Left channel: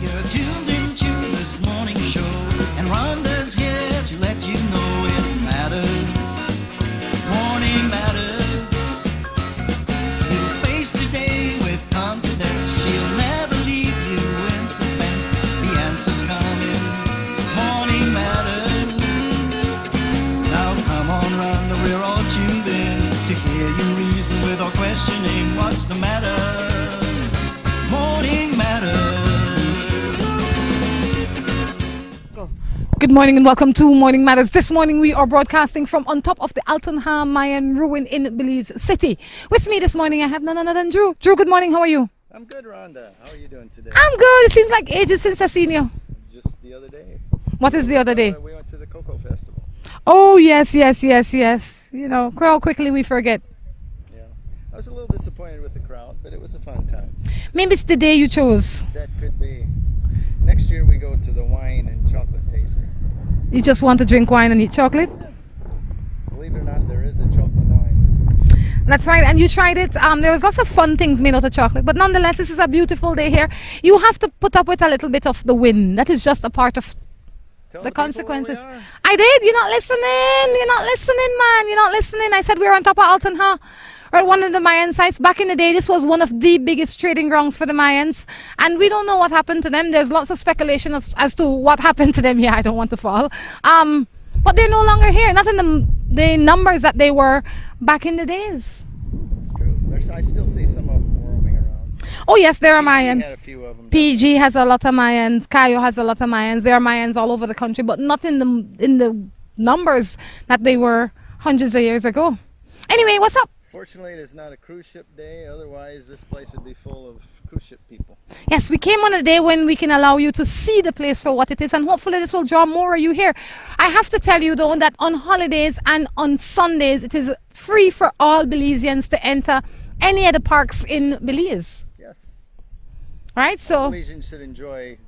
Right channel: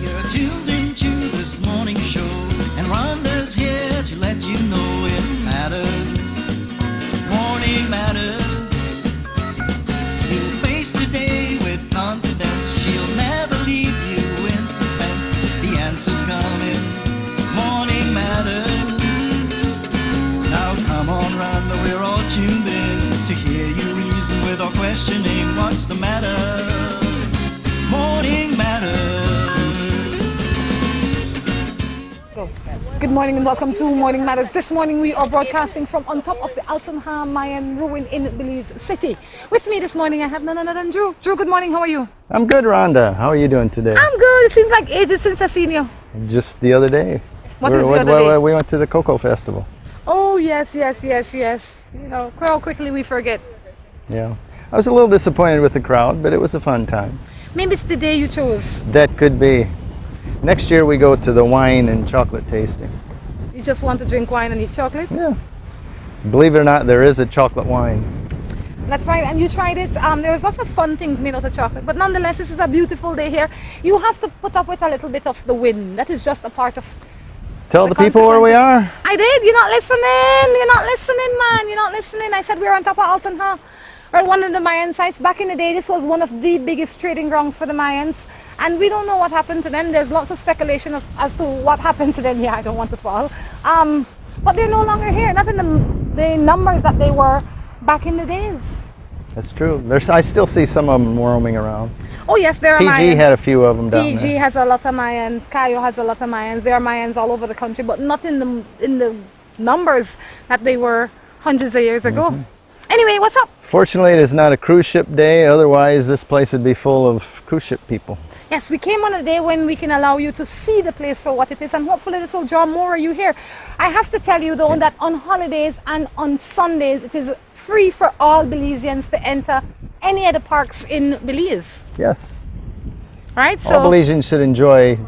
You're tuned into this morning show, and Rhonda's here to let you know it matters. Morning matters. You'll face today with confidence. She'll never leave you in suspense. The answer's coming. Morning matters. Now come on, Rhonda, we're all tuned in to hear you reason with or questioning what's the matter. Morning matters. Good morning and welcome to Morning Matters. This morning we are broadcasting from on top of the Altun Mayan ruin in Belize City. With me this morning I have none other than Drew. Drew, good morning. How are you? I'm good, Rhonda. How are you doing today? I'm good. It seems like ages since I've seen you. Just the other day. What is the other day? We went to the Cocoa Festival. Oh, yes. You know, how quickly we forget. Yeah. I was a little disappointed with the crowd, but it was a fun time. Maybe it's the day you chose. That could be. Next year we go to the wine and chocolate tasting. You just want to drink wine and eat chocolate? Yeah. Believe it or not, there is a chocolate wine. That's right, and you tried it. There was lots of fun things made out of chocolate, but nonetheless, this is a beautiful day here. You have to put up with a little bit of the wind. That is just a part of Tell the people where we are. I did. You're not listening. You're not listening, man. You're not listening. I said we were on top of Altun, huh? We're at one of the Mayan sites. Back in the day, this was one of the biggest trading grounds for the Mayans, and we don't know what happened to them. There's lots of speculation as to what happened to them. Yeah, I don't want to fall. But they're no longer here. Not in the numbers that they were back in the days. That's true. I still see some of them roaming around. Oh yes, there are Mayans. PG had a few of them down there. PG has a lot of Mayans. Cayo has a lot of Mayans. There are Mayans all over the country, but not in the numbers that they were hundreds of years ago. Anyway, what's up? Fortunately, it is not a cruise ship day. Otherwise, this place would be full of cruise ship people. Yes, we came on a day when we can allow you to see the place for what it is, and hopefully this will draw more of you here. I have to tell you, though, that on holidays and on Sundays, it is free for all Belizeans to enter any of the parks in Belize. Yes. Right? So, all Belizeans should enjoy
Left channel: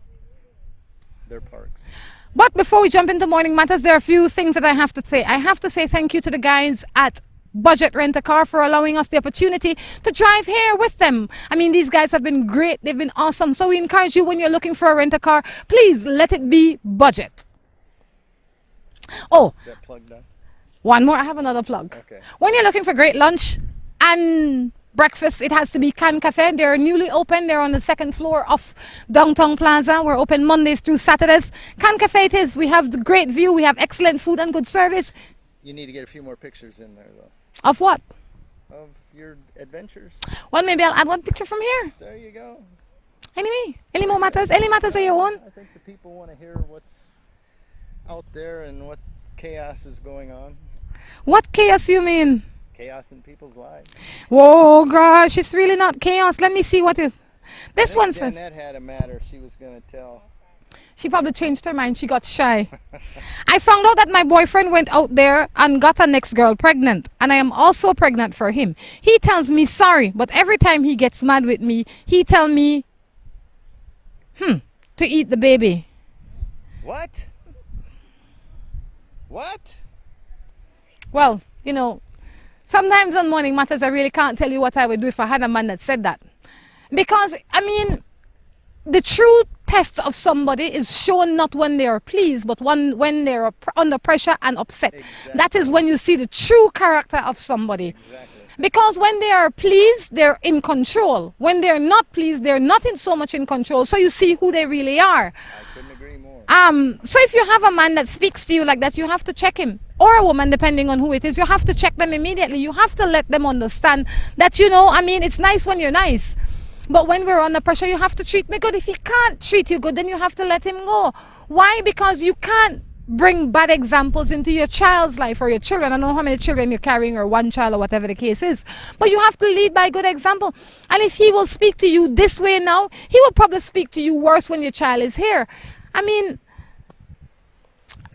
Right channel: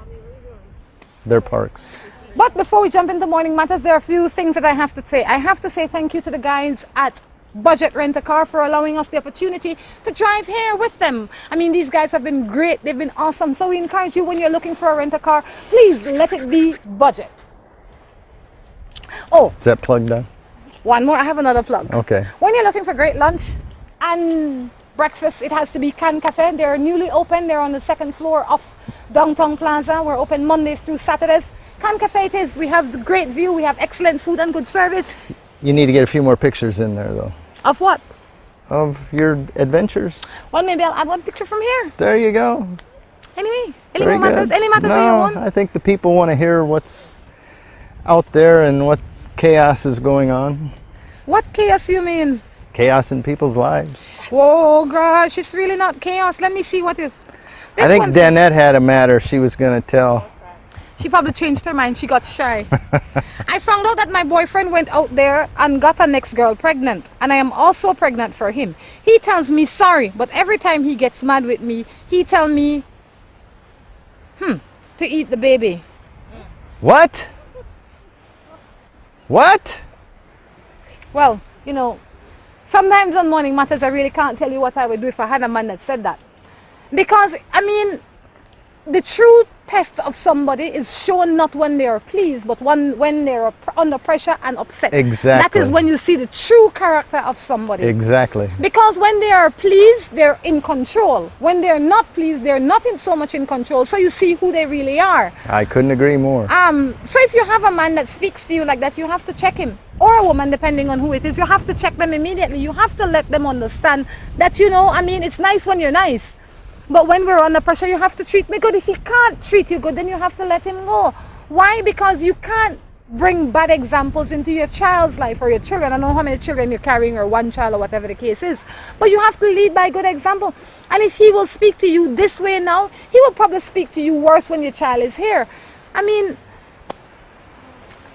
their parks. But before we jump into Morning Matters, there are a few things that I have to say. I have to say thank you to the guys at Budget Rent a Car for allowing us the opportunity to drive here with them. I mean, these guys have been great. They've been awesome. So we encourage you, when you're looking for a rent a car, please let it be budget. Oh, is that plug done? One more. I have another plug. Okay. When you're looking for great lunch and breakfast, it has to be Can Cafe. They're newly open. They're on the second floor of Downtown Plaza. We're open Mondays through Saturdays. Can Cafe it is. We have the great view. We have excellent food and good service. You need to get a few more pictures in there, though. Of what? Of your adventures. Well, maybe I'll add one picture from here. There you go. Anyway, any more matters? Any matters that you want? I think the people want to hear what's out there and what chaos is going on. What chaos you mean? Chaos in people's lives. Whoa, gosh, it's really not chaos. Let me see what it... I think Danette had a matter she was going to tell. She probably changed her mind. She got shy. I found out that my boyfriend went out there and got a next girl pregnant. And I am also pregnant for him. He tells me sorry, but every time he gets mad with me, he tells me, to eat the baby. What? What? Well, you know, sometimes on Morning Matters, I really can't tell you what I would do if I had a man that said that. Because, I mean, the true test of somebody is shown not when they are pleased, but when they are under pressure and upset. Exactly. That is when you see the true character of somebody. Exactly. Because when they are pleased, they're in control. When they're not pleased, they're not so much in control. So you see who they really are. I couldn't agree more. So if you have a man that speaks to you like that, you have to check him. Or a woman, depending on who it is, you have to check them immediately. You have to let them understand that, you know, I mean, it's nice when you're nice. But when we're under pressure, you have to treat me good. If he can't treat you good, then you have to let him go. Why? Because you can't bring bad examples into your child's life or your children. I don't know how many children you're carrying, or one child, or whatever the case is. But you have to lead by good example. And if he will speak to you this way now, he will probably speak to you worse when your child is here. I mean,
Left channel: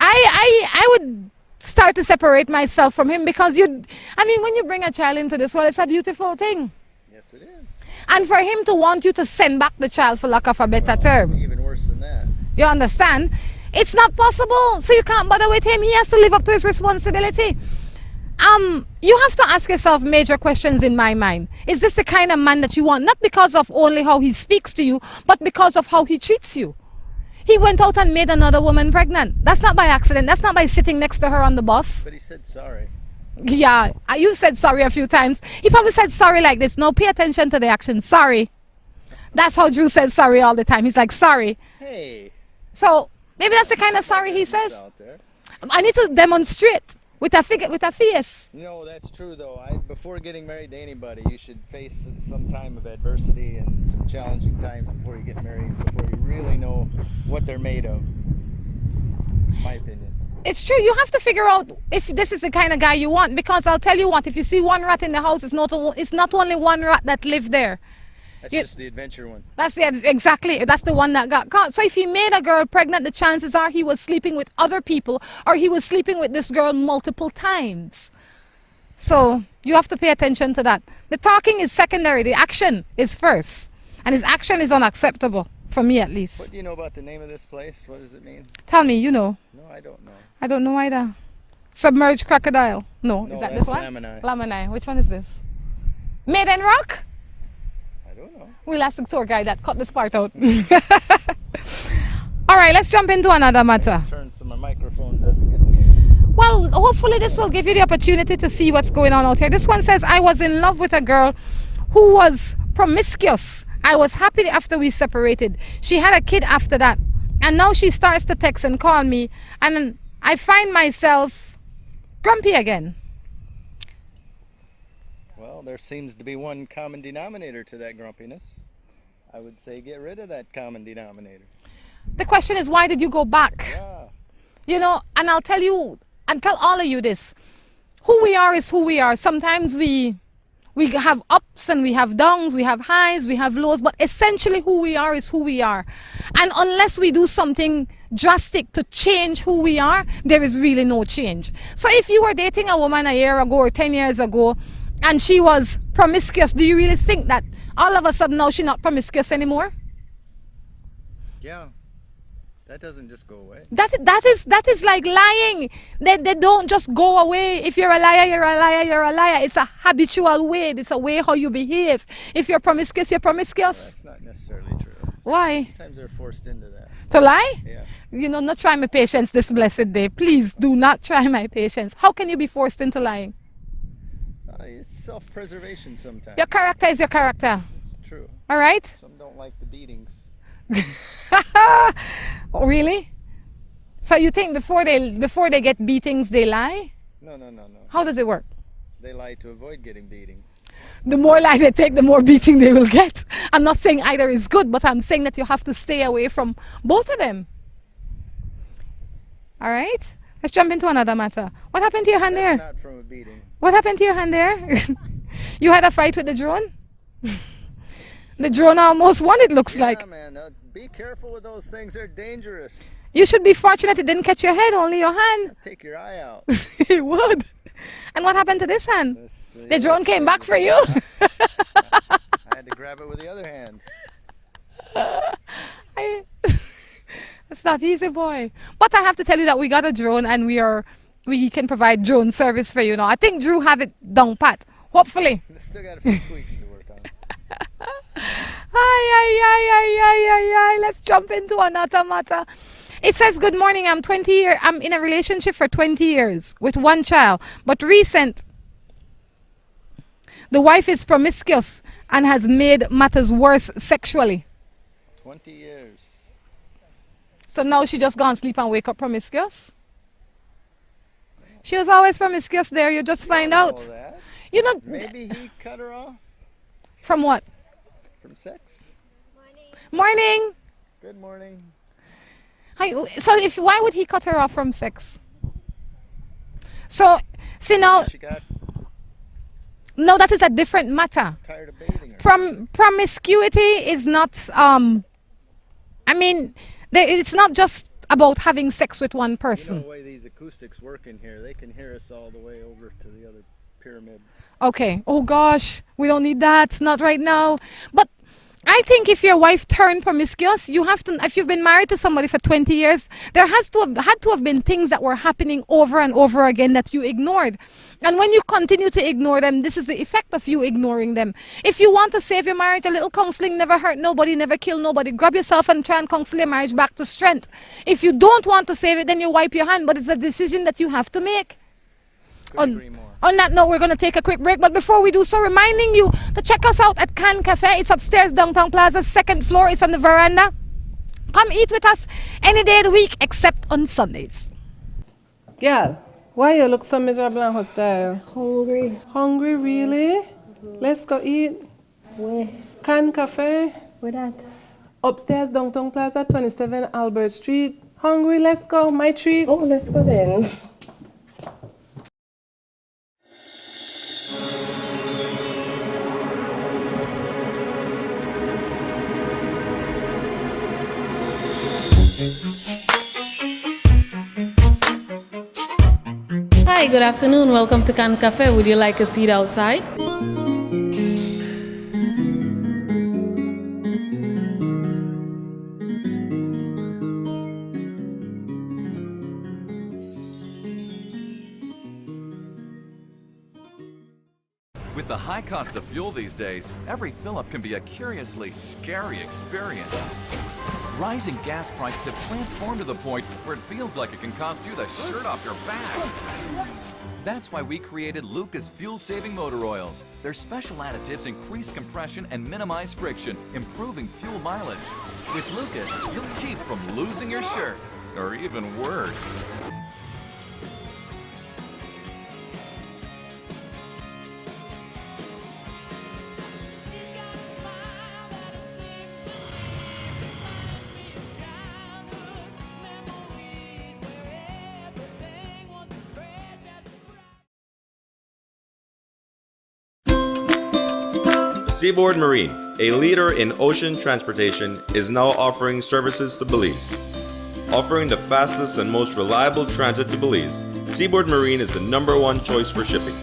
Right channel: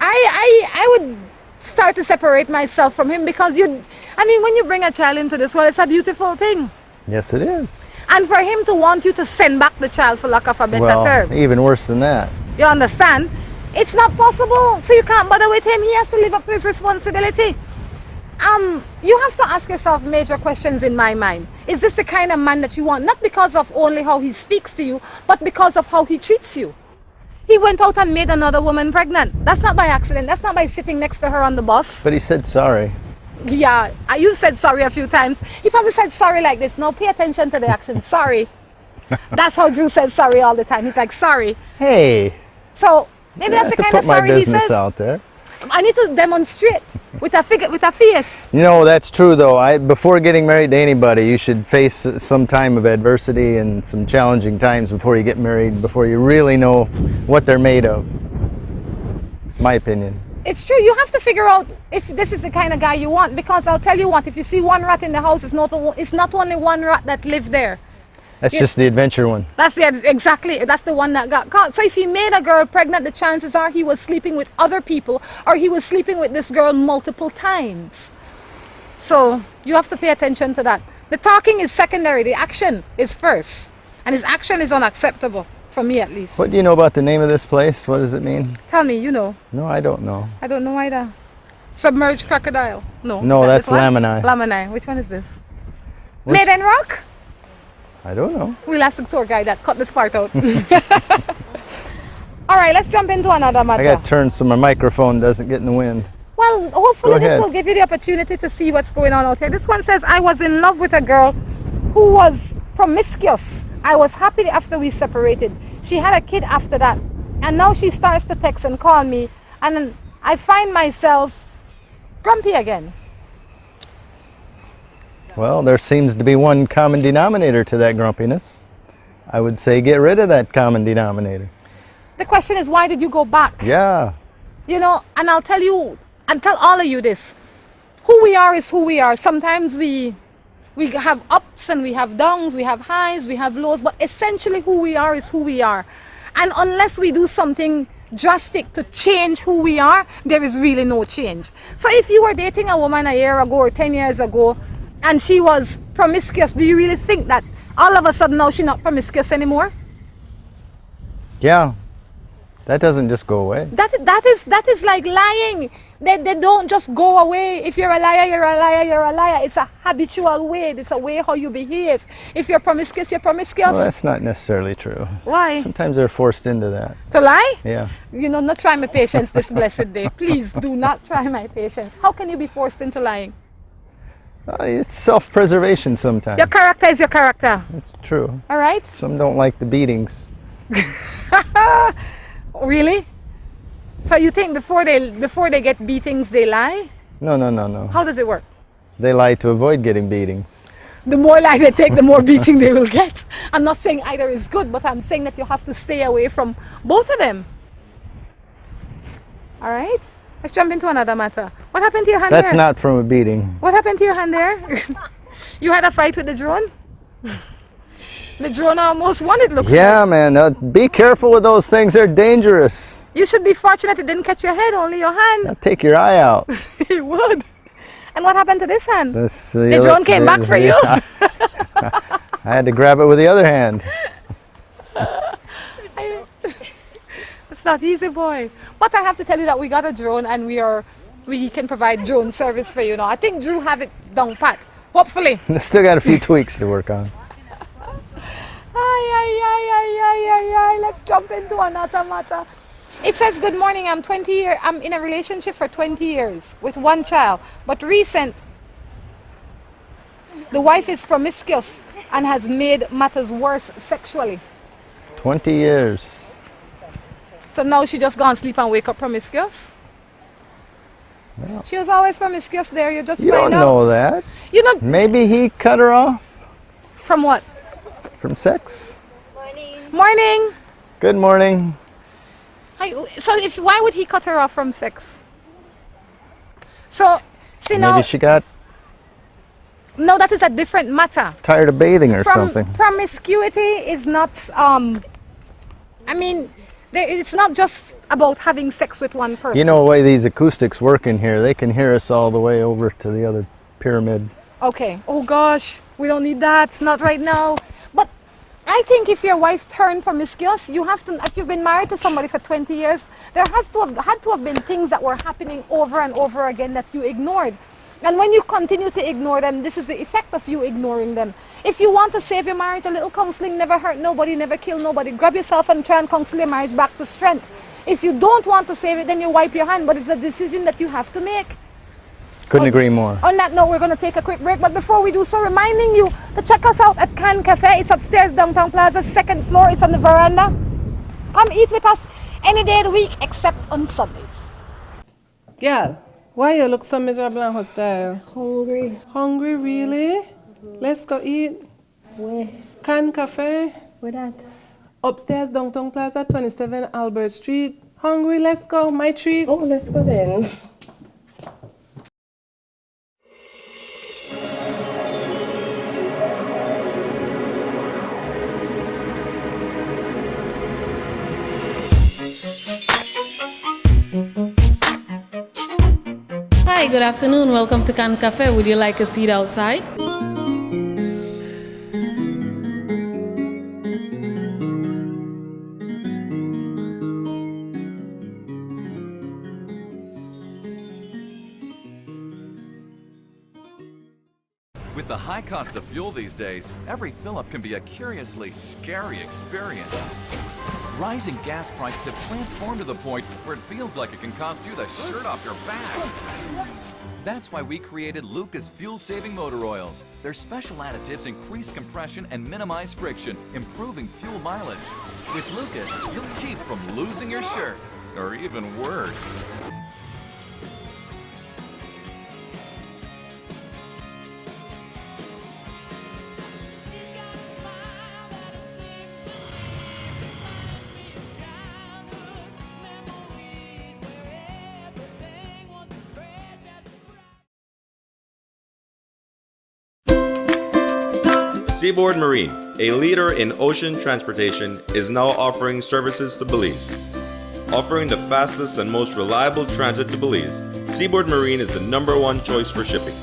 I would start to separate myself from him, because when you bring a child into this world, it's a beautiful thing. Yes, it is. And for him to want you to send back the child, for lack of a better term. Even worse than that. You understand? It's not possible. So you can't bother with him. He has to live up to his responsibility. You have to ask yourself major questions in my mind. Is this the kind of man that you want? Not because of only how he speaks to you, but because of how he treats you. He went out and made another woman pregnant. That's not by accident. That's not by sitting next to her on the bus. But he said sorry. Yeah, you said sorry a few times. He probably said sorry like this. No, pay attention to the action. Sorry. That's how Drew says sorry all the time. He's like, sorry. Hey. So maybe that's the kind of sorry he says. Put my business out there. I need to demonstrate with a face. You know, that's true though. Before getting married to anybody, you should face some time of adversity and some challenging times before you get married, before you really know what they're made of. My opinion. It's true. You have to figure out if this is the kind of guy you want, because I'll tell you what, if you see one rat in the house, it's not only one rat that lived there. That's just the adventure one. Exactly. That's the one that got caught. So if he made a girl pregnant, the chances are he was sleeping with other people, or he was sleeping with this girl multiple times. So you have to pay attention to that. The talking is secondary. The action is first. And his action is unacceptable, for me at least. What do you know about the name of this place? What does it mean? Tell me, you know. No, I don't know. I don't know either. Submerged crocodile. No. No, that's Lamini. Lamini. Which one is this? Maiden Rock? I don't know. We'll ask the tour guide that cut this part out. All right, let's jump into another matter. I got to turn so my microphone doesn't get in the wind. Well, hopefully this will give you the opportunity to see what's going on out here. This one says, I was in love with a girl who was promiscuous. I was happy after we separated. She had a kid after that. And now she starts to text and call me. And I find myself grumpy again. Well, there seems to be one common denominator to that grumpiness. I would say get rid of that common denominator. The question is, why did you go back? Yeah. You know, and I'll tell you, and tell all of you this. Who we are is who we are. Sometimes we have ups and we have downs, we have highs, we have lows, but essentially who we are is who we are. And unless we do something drastic to change who we are, there is really no change. So if you were dating a woman a year ago or 10 years ago, and she was promiscuous, do you really think that all of a sudden now she's not promiscuous anymore? Yeah. That doesn't just go away. That is like lying. They don't just go away. If you're a liar, you're a liar, you're a liar. It's a habitual way. It's a way how you behave. If you're promiscuous, you're promiscuous. Well, that's not necessarily true. Why? Sometimes they're forced into that. To lie? Yeah. You know, not try my patience this blessed day. Please do not try my patience. How can you be forced into lying? It's self-preservation sometimes. Your character is your character. It's true. All right? Some don't like the beatings. Really? So you think before they get beatings, they lie? No. How does it work? They lie to avoid getting beatings. The more lie they take, the more beating they will get. I'm not saying either is good, but I'm saying that you have to stay away from both of them. All right? Let's jump into another matter. What happened to your hand there? That's not from a beating. What happened to your hand there? You had a fight with the drone? The drone almost won, it looks like. Yeah, man. Be careful with those things. They're dangerous. You should be fortunate it didn't catch your head, only your hand. They'll take your eye out. It would. And what happened to this hand? The drone came back for you? I had to grab it with the other hand. It's not easy, boy. But I have to tell you that we got a drone and we can provide drone service for you now. I think Drew have it down pat. Hopefully. Still got a few tweaks to work on. Let's jump into another matter. It says, good morning, I'm in a relationship for 20 years with one child, but recent. The wife is promiscuous and has made matters worse sexually. 20 years. So now she just go and sleep and wake up promiscuous? Well, she was always promiscuous there, you just find out. You don't know that. You don't. Maybe he cut her off. From what? From sex. Morning. Good morning. So why would he cut her off from sex? So, see now. Maybe she got. No, that is a different matter. Tired of bathing or something. Promiscuity is not. It's not just about having sex with one person. You know the way these acoustics work in here, they can hear us all the way over to the other pyramid. Okay. Oh gosh, we don't need that. Not right now. But I think if your wife turned promiscuous, you have to. If you've been married to somebody for 20 years, there had to have been things that were happening over and over again that you ignored. And when you continue to ignore them, this is the effect of you ignoring them. If you want to save your marriage, a little counseling never hurt nobody, never kill nobody. Grab yourself and try and counsel your marriage back to strength. If you don't want to save it, then you wipe your hand, but it's a decision that you have to make. Couldn't agree more. On that note, we're going to take a quick break, but before we do so, reminding you to check us out at Can Cafe. It's upstairs, Downtown Plaza, 2nd floor. It's on the veranda. Come eat with us any day of the week except on Sundays. Girl, why you look so miserable and hostile? Hungry. Hungry, really? Let's go eat. Where? Can Cafe. Where that? Upstairs, Downtown Plaza, 27 Albert Street. Hungry, let's go. My treat. Oh, let's go then. Hi, good afternoon. Welcome to Can Cafe. Would you like a seat outside? With the high cost of fuel these days, every fill-up can be a curiously scary experience. Rising gas prices have transformed to the point where it feels like it can cost you the shirt off your back. That's why we created Lucas fuel-saving motor oils. Their special additives increase compression and minimize friction, improving fuel mileage. With Lucas, you'll keep from losing your shirt, or even worse. Seaboard Marine, a leader in ocean transportation, is now offering services to Belize. Offering the fastest and most reliable transit to Belize, Seaboard Marine is the #1 choice for shipping.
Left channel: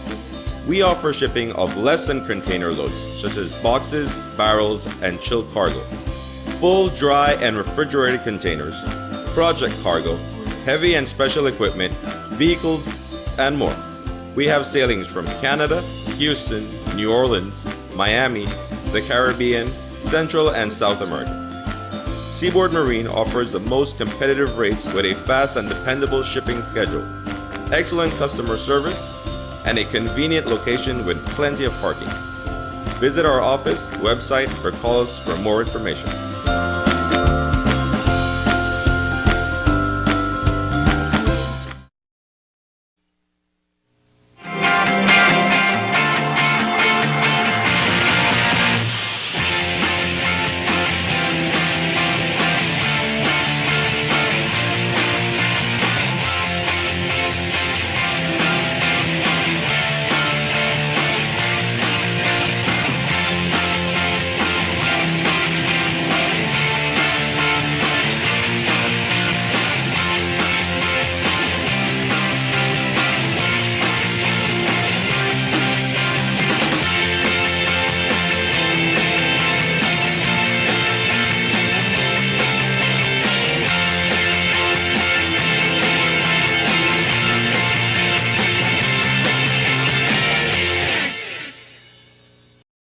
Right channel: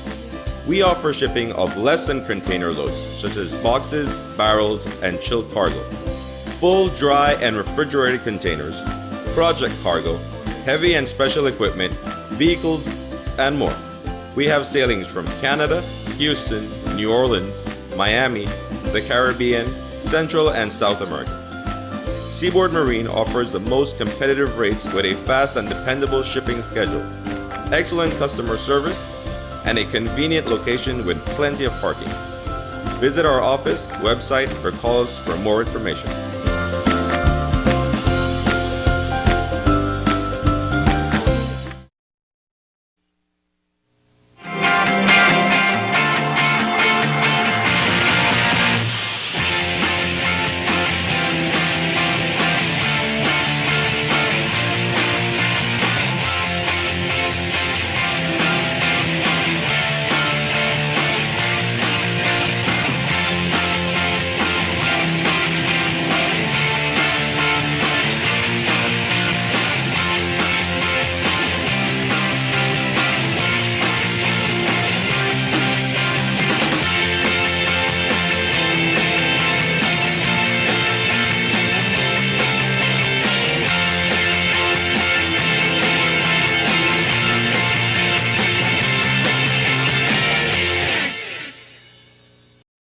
We offer shipping of less than container loads, such as boxes, barrels, and chilled cargo, full, dry, and refrigerated containers, project cargo, heavy and special equipment, vehicles, and more. We have sailings from Canada, Houston, New Orleans, Miami, the Caribbean, Central and South America. Seaboard Marine offers the most competitive rates with a fast and dependable shipping schedule, excellent customer service, and a convenient location with plenty of parking. Visit our office, website, or call us for more information.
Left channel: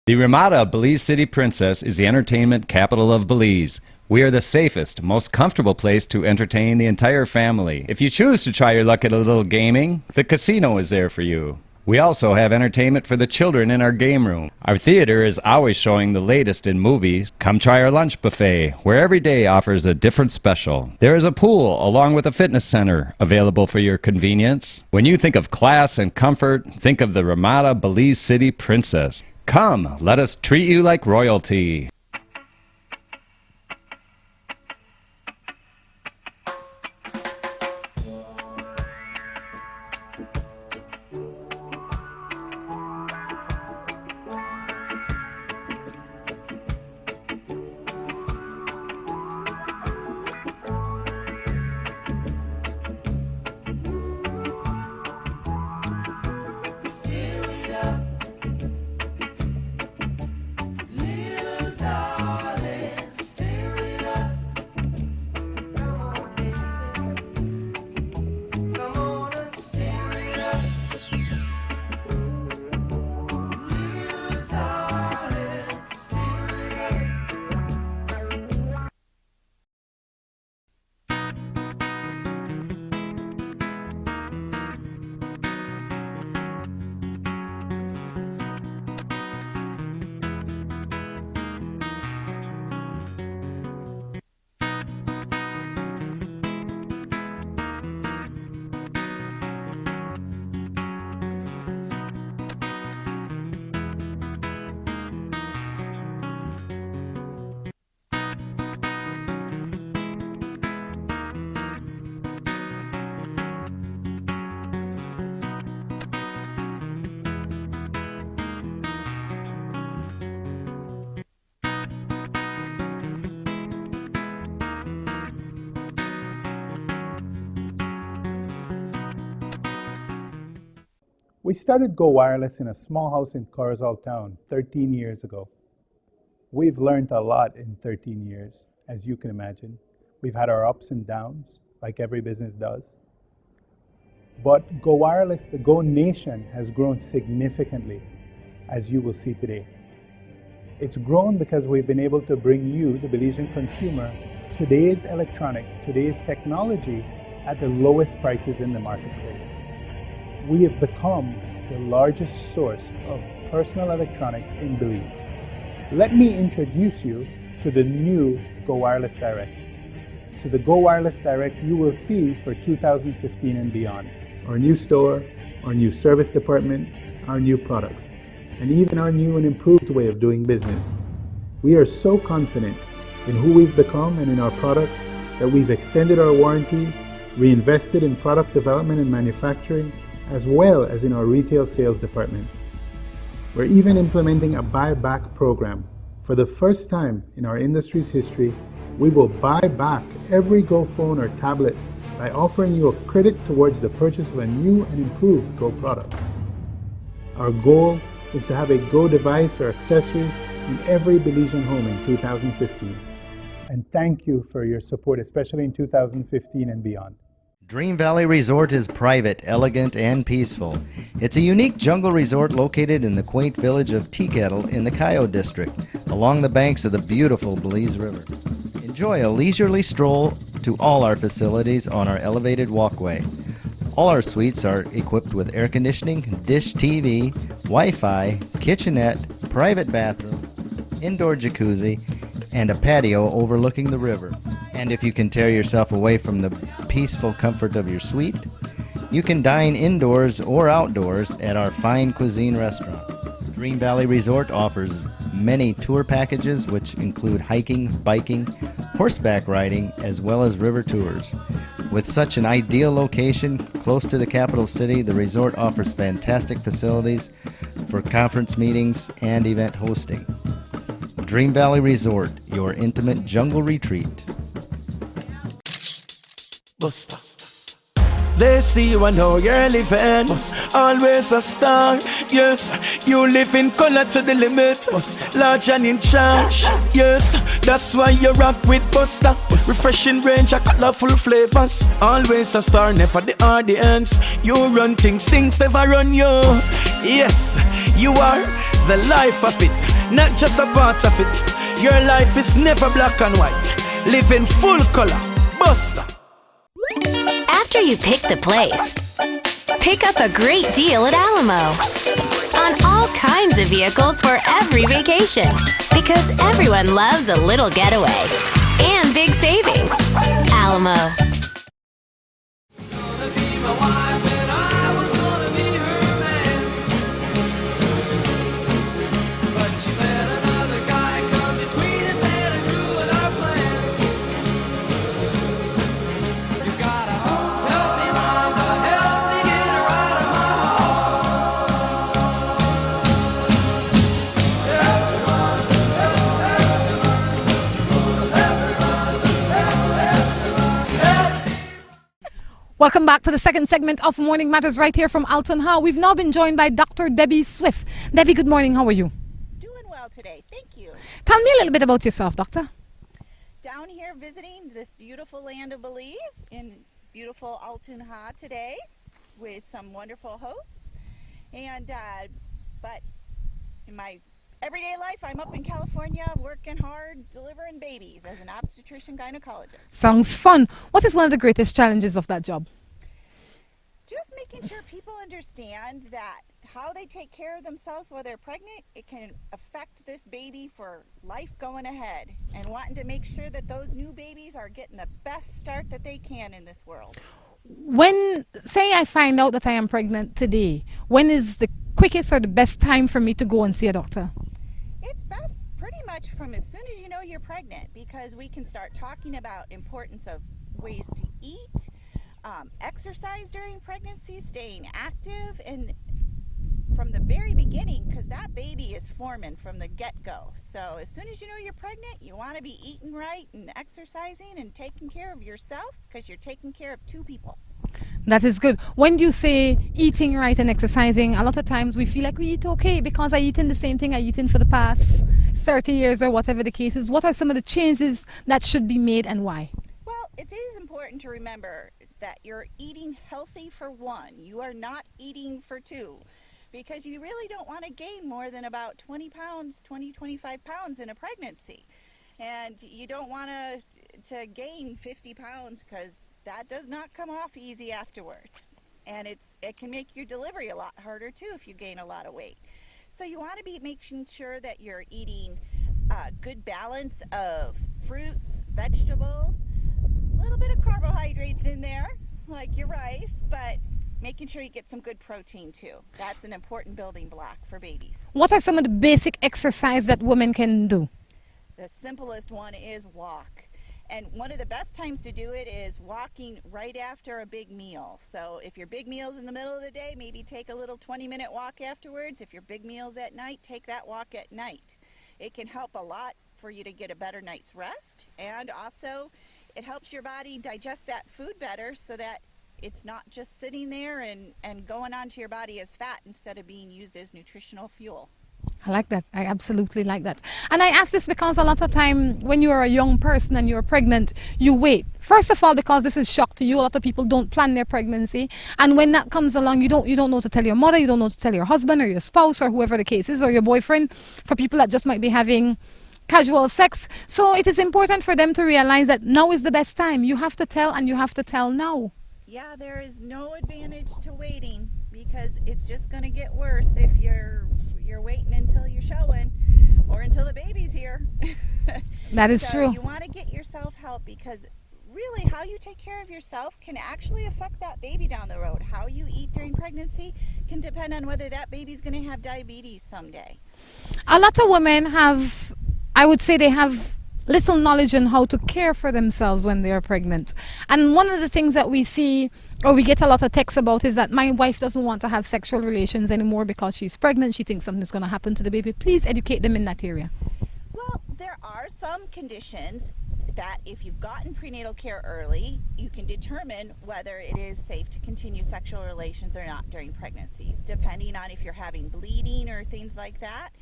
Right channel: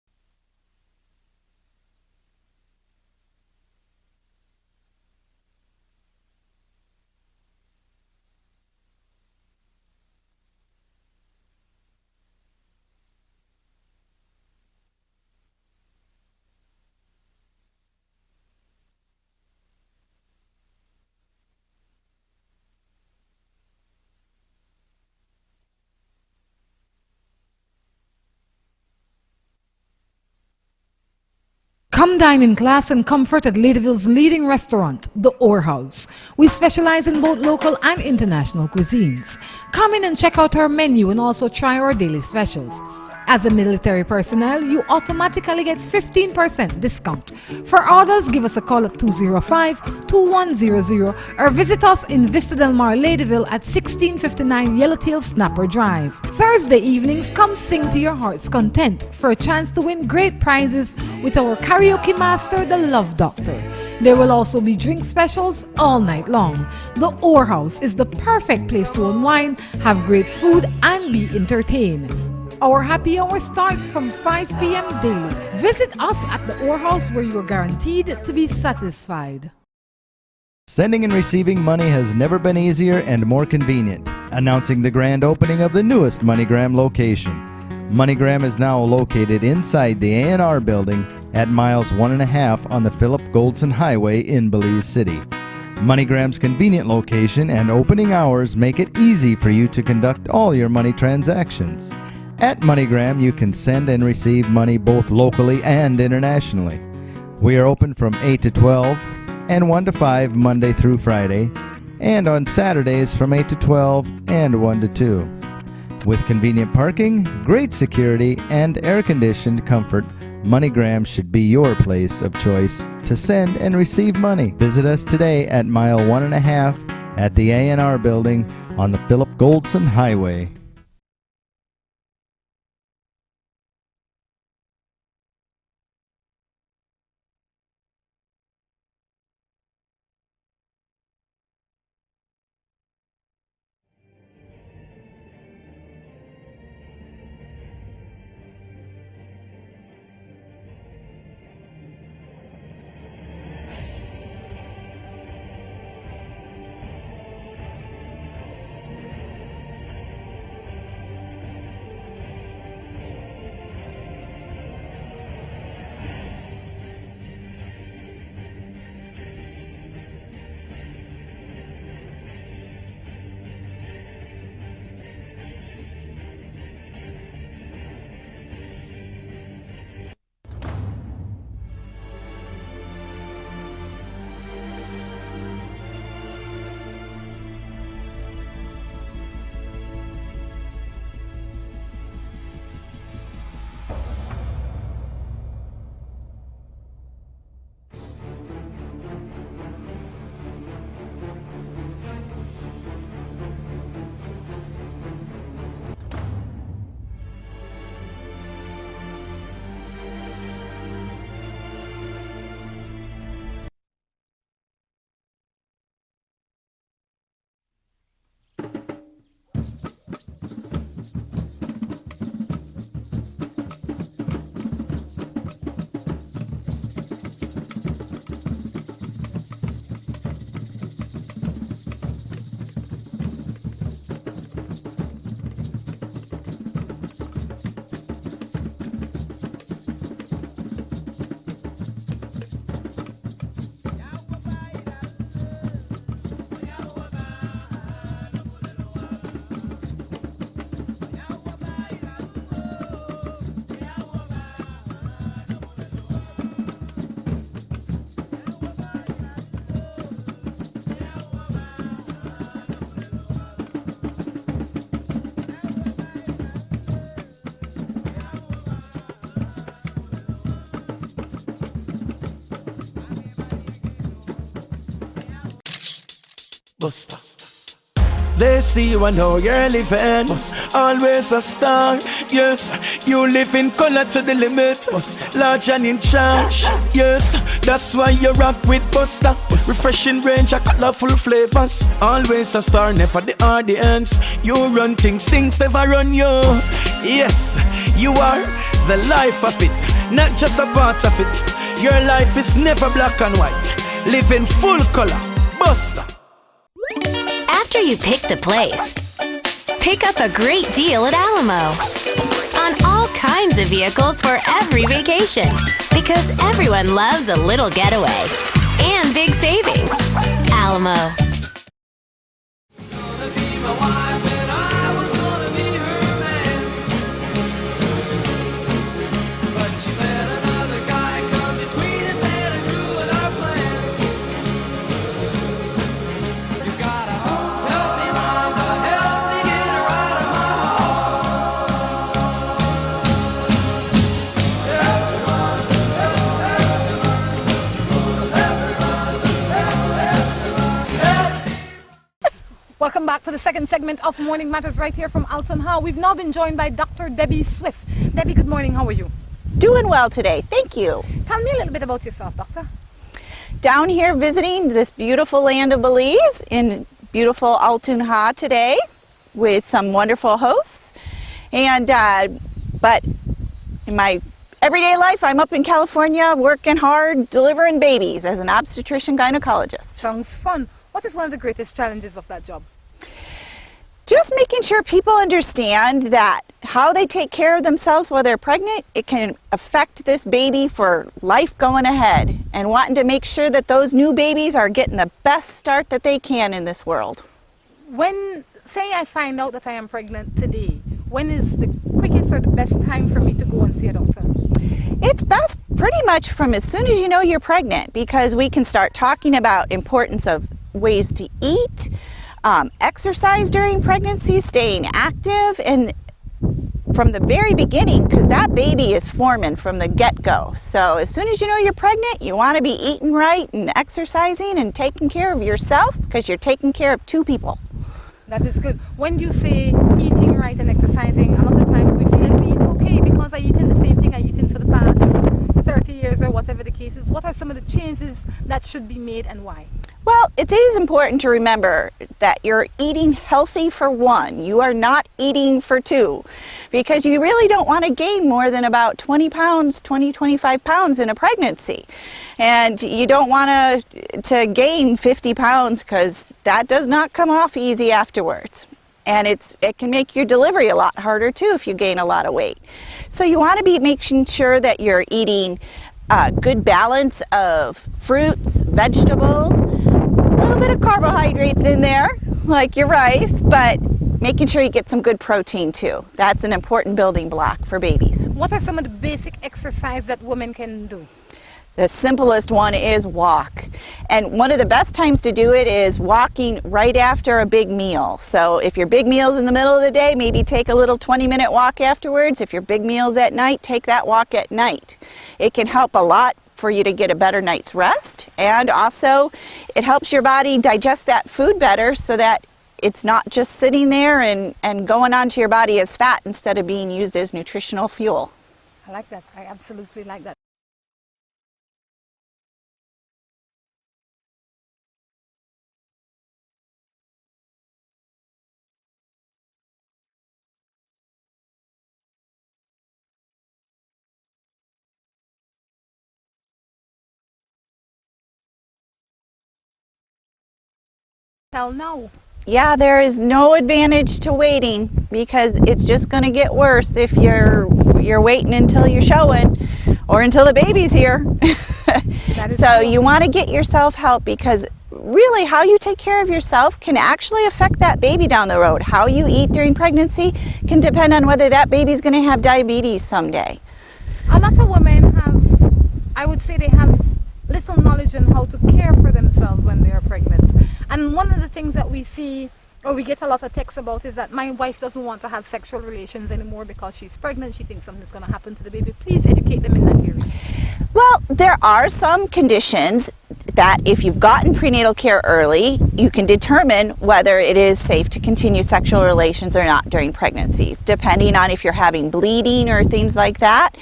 The Ramada Belize City Princess is the entertainment capital of Belize. We are the safest, most comfortable place to entertain the entire family. If you choose to try your luck at a little gaming, the casino is there for you. We also have entertainment for the children in our game room. Our theater is always showing the latest in movies. Come try our lunch buffet, where every day offers a different special. There is a pool along with a fitness center available for your convenience. When you think of class and comfort, think of the Ramada Belize City Princess. Come, let us treat you like royalty. Come dine in class and comfort at Ladyville's leading restaurant, the Orr House. We specialize in both local and international cuisines. Come in and check out our menu and also try our daily specials. As a military personnel, you automatically get 15% discount. For orders, give us a call at 205-2100 or visit us in Vista Del Mar, Ladyville at 1659 Yellowtail Snapper Drive. Thursday evenings, come sing to your heart's content for a chance to win great prizes with our karaoke master, the Love Doctor. There will also be drink specials all night long. The Ore House is the perfect place to unwind, have great food, and be entertained. Our happy hour starts from 5 p.m. daily. Visit us at the Ore House where you're guaranteed to be satisfied. Sending and receiving money has never been easier and more convenient. Announcing the grand opening of the newest MoneyGram location. MoneyGram is now located inside the A&R building at miles 1.5 on the Philip Goldson Highway in Belize City. MoneyGram's convenient location and opening hours make it easy for you to conduct all your money transactions. At MoneyGram, you can send and receive money both locally and internationally. We are open from 8 to 12 and 1 to 5 Monday through Friday, and on Saturdays from 8 to 12 and 1 to 2. With convenient parking, great security, and air-conditioned comfort, MoneyGram should be your place of choice to send and receive money. Visit us today at mile 1.5 at the A&R building on the Philip Goldson Highway. We started Go Wireless in a small house in Corozal Town 13 years ago. We've learned a lot in 13 years, as you can imagine. We've had our ups and downs, like every business does. But Go Wireless, the Go Nation, has grown significantly, as you will see today. It's grown because we've been able to bring you, the Belizean consumer, today's electronics, today's technology at the lowest prices in the marketplace. We have become the largest source of personal electronics in Belize. Let me introduce you to the new Go Wireless Direct. To the Go Wireless Direct you will see for 2015 and beyond. Our new store, our new service department, our new products, and even our new and improved way of doing business. We are so confident in who we've become and in our products that we've extended our warranties, reinvested in product development and manufacturing, as well as in our retail sales departments. We're even implementing a buyback program. For the first time in our industry's history, we will buy back every Go phone or tablet by offering you a credit towards the purchase of a new and improved Go product. Our goal is to have a Go device or accessory in every Belizean home in 2015. And thank you for your support, especially in 2015 and beyond. Dream Valley Resort is private, elegant, and peaceful. It's a unique jungle resort located in the quaint village of Teakettle in the Coyote District, along the banks of the beautiful Belize River. Enjoy a leisurely stroll to all our facilities on our elevated walkway. All our suites are equipped with air conditioning, dish TV, Wi-Fi, kitchenette, private bathroom, indoor jacuzzi, and a patio overlooking the river. And if you can tear yourself away from the peaceful comfort of your suite, you can dine indoors or outdoors at our fine cuisine restaurant. Dream Valley Resort offers many tour packages which include hiking, biking, horseback riding, as well as river tours. With such an ideal location close to the capital city, the resort offers fantastic facilities for conference meetings and event hosting. Dream Valley Resort, your intimate jungle retreat. Buster. They see you and know you're living. Always a star. Yes, you live in color to the limit. Large and in charge. Yes, that's why you rock with Buster. Refreshing range of colorful flavors. Always a star, never the audience. You run things never run you. Yes, you are the life of it, not just a part of it. Your life is never black and white. Live in full color. Buster. After you pick the place, pick up a great deal at Alamo on all kinds of vehicles for every vacation, because everyone loves a little getaway and big savings. Alamo. Welcome back to the second segment of Morning Matters right here from Altun. We've now been joined by Dr. Debbie Swift. Debbie, good morning. How are you? Doing well today. Thank you. Tell me a little bit about yourself, Doctor. down here visiting this beautiful land of Belize in beautiful Altun today with some wonderful hosts. And but in my everyday life, I'm up in California working hard, delivering babies as an obstetrician gynecologist. Sounds fun. What is one of the greatest challenges of that job? Just making sure people understand that how they take care of themselves while they're pregnant, it can affect this baby for life going ahead, and wanting to make sure that those new babies are getting the best start that they can in this world. When, say I find out that I am pregnant today, when is the quickest or the best time for me to go and see a doctor? It's best pretty much from as soon as you know you're pregnant, because we can start talking about importance of ways to eat, exercise during pregnancy, staying active, and from the very beginning, because that baby is forming from the get-go. So as soon as you know you're pregnant, you want to be eating right and exercising and taking care of yourself, because you're taking care of two people. That is good. When you say eating right and exercising, a lot of times we feel like we eat okay because I eaten the same thing I eaten for the past 30 years or whatever the case is. What are some of the changes that should be made and why? Well, it is important to remember that you're eating healthy for one. You are not eating for two, because you really don't want to gain more than about 20 pounds, 25 pounds in a pregnancy. And you don't want to gain 50 pounds, because that does not come off easy afterwards. And it can make your delivery a lot harder too if you gain a lot of weight. So you want to be making sure that you're eating a good balance of fruits, vegetables, a little bit of carbohydrates in there, like your rice, but making sure you get some good protein too. That's an important building block for babies. What are some of the basic exercise that women can do? The simplest one is walk. And one of the best times to do it is walking right after a big meal. So if your big meal's in the middle of the day, maybe take a little 20-minute walk afterwards. If your big meal's at night, take that walk at night. It can help a lot for you to get a better night's rest, and also it helps your body digest that food better so that it's not just sitting there and going onto your body as fat instead of being used as nutritional fuel. I like that. I absolutely like that. And I ask this because a lot of time when you are a young person and you're pregnant, you wait. First of all, because this is shock to you. A lot of people don't plan their pregnancy. And when that comes along, you don't know to tell your mother, you don't know to tell your husband or your spouse or whoever the case is, or your boyfriend, for people that just might be having casual sex. So it is important for them to realize that now is the best time. You have to tell, and you have to tell now. Yeah, there is no advantage to waiting, because it's just going to get worse if you're waiting until you're showing or until the baby's here. That is so true. You want to get yourself help, because really how you take care of yourself can actually affect that baby down the road. How you eat during pregnancy can depend on whether that baby's going to have diabetes someday. A lot of women have, I would say they have little knowledge on how to care for themselves when they are pregnant. And one of the things that we see, or we get a lot of texts about, is that my wife doesn't want to have sexual relations anymore because she's pregnant. She thinks something's going to happen to the baby. Please educate them in that area. Well, there are some conditions that if you've gotten prenatal care early, you can determine whether it is safe to continue sexual relations or not during pregnancies. Depending on if you're having bleeding or things like that,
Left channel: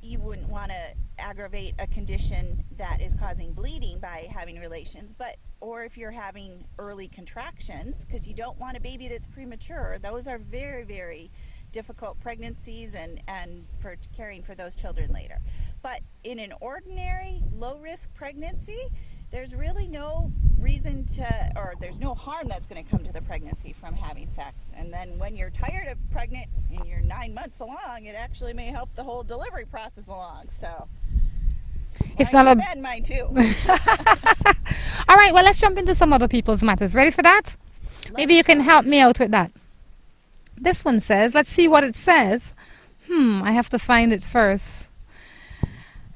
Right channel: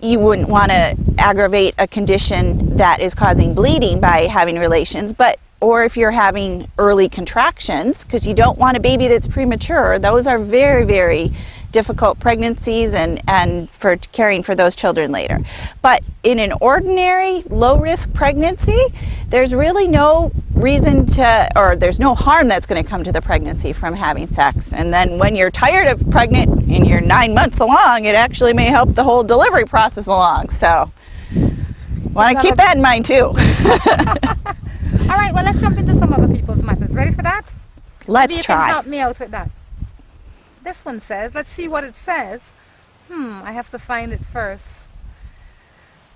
you wouldn't want to aggravate a condition that is causing bleeding by having relations, or if you're having early contractions, because you don't want a baby that's premature. Those are very, very difficult pregnancies and for caring for those children later. But in an ordinary low-risk pregnancy, there's really no reason to, or there's no harm that's going to come to the pregnancy from having sex. And then when you're tired of pregnant and you're 9 months along, it actually may help the whole delivery process along. So want to keep that in mind too. All right, well, let's jump into some other people's matters. Ready for that? Maybe you try. can help me out with that. This one says, let's see what it says. I have to find it first.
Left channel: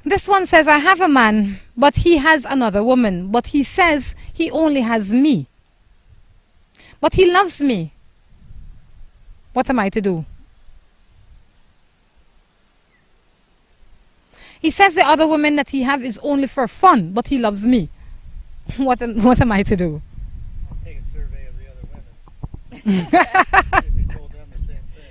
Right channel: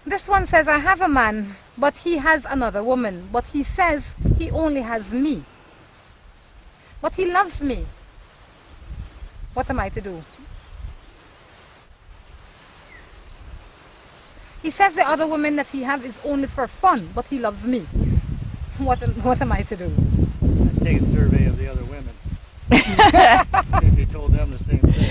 This one says, I have a man, but he has another woman, but he says he only has me. But he loves me. What am I to do? He says the other woman that he have is only for fun, but he loves me. What am I to do? Take a survey of the other women. See if he told them the same thing.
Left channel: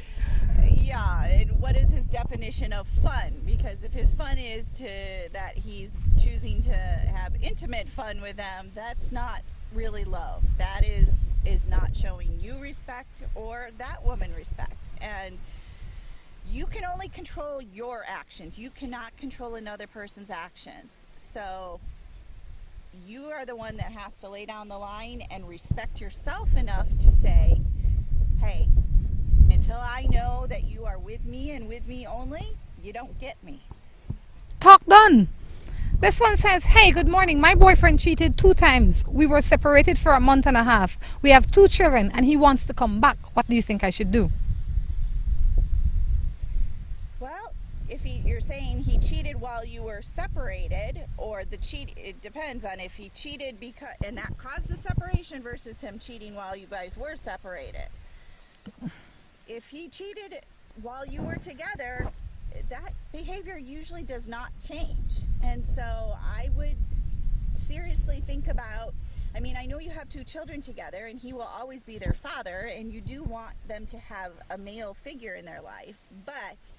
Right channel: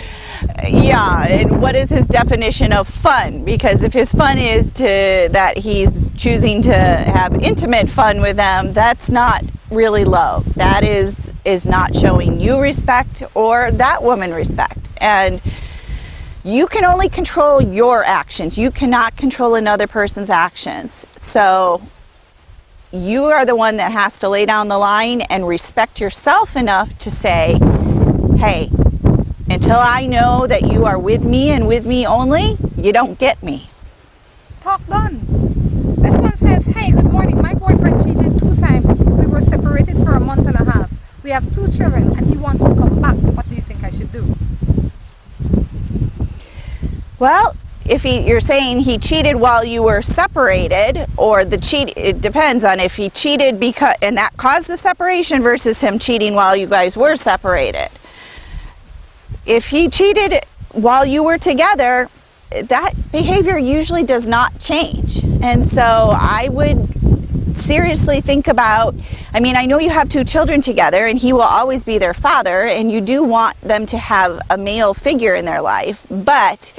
Yeah, and what is his definition of fun? Because if his fun is that he's choosing to have intimate fun with them, that's not really love. That is not showing you respect or that woman respect. And you can only control your actions. You cannot control another person's actions. So you are the one that has to lay down the line and respect yourself enough to say, hey, until I know that you are with me and with me only, you don't get me. Talk done. This one says, hey, good morning. My boyfriend cheated 2 times. We were separated for a month and a half. We have 2 children and he wants to come back. What do you think I should do? Well, if you're saying he cheated while you were separated, or it depends on if he cheated and that caused the separation versus him cheating while you guys were separated. If he cheated while you were together, that behavior usually does not change. And so I would seriously think about, I mean, I know you have 2 children together and he will always be their father and you do want them to have a male figure in their life, but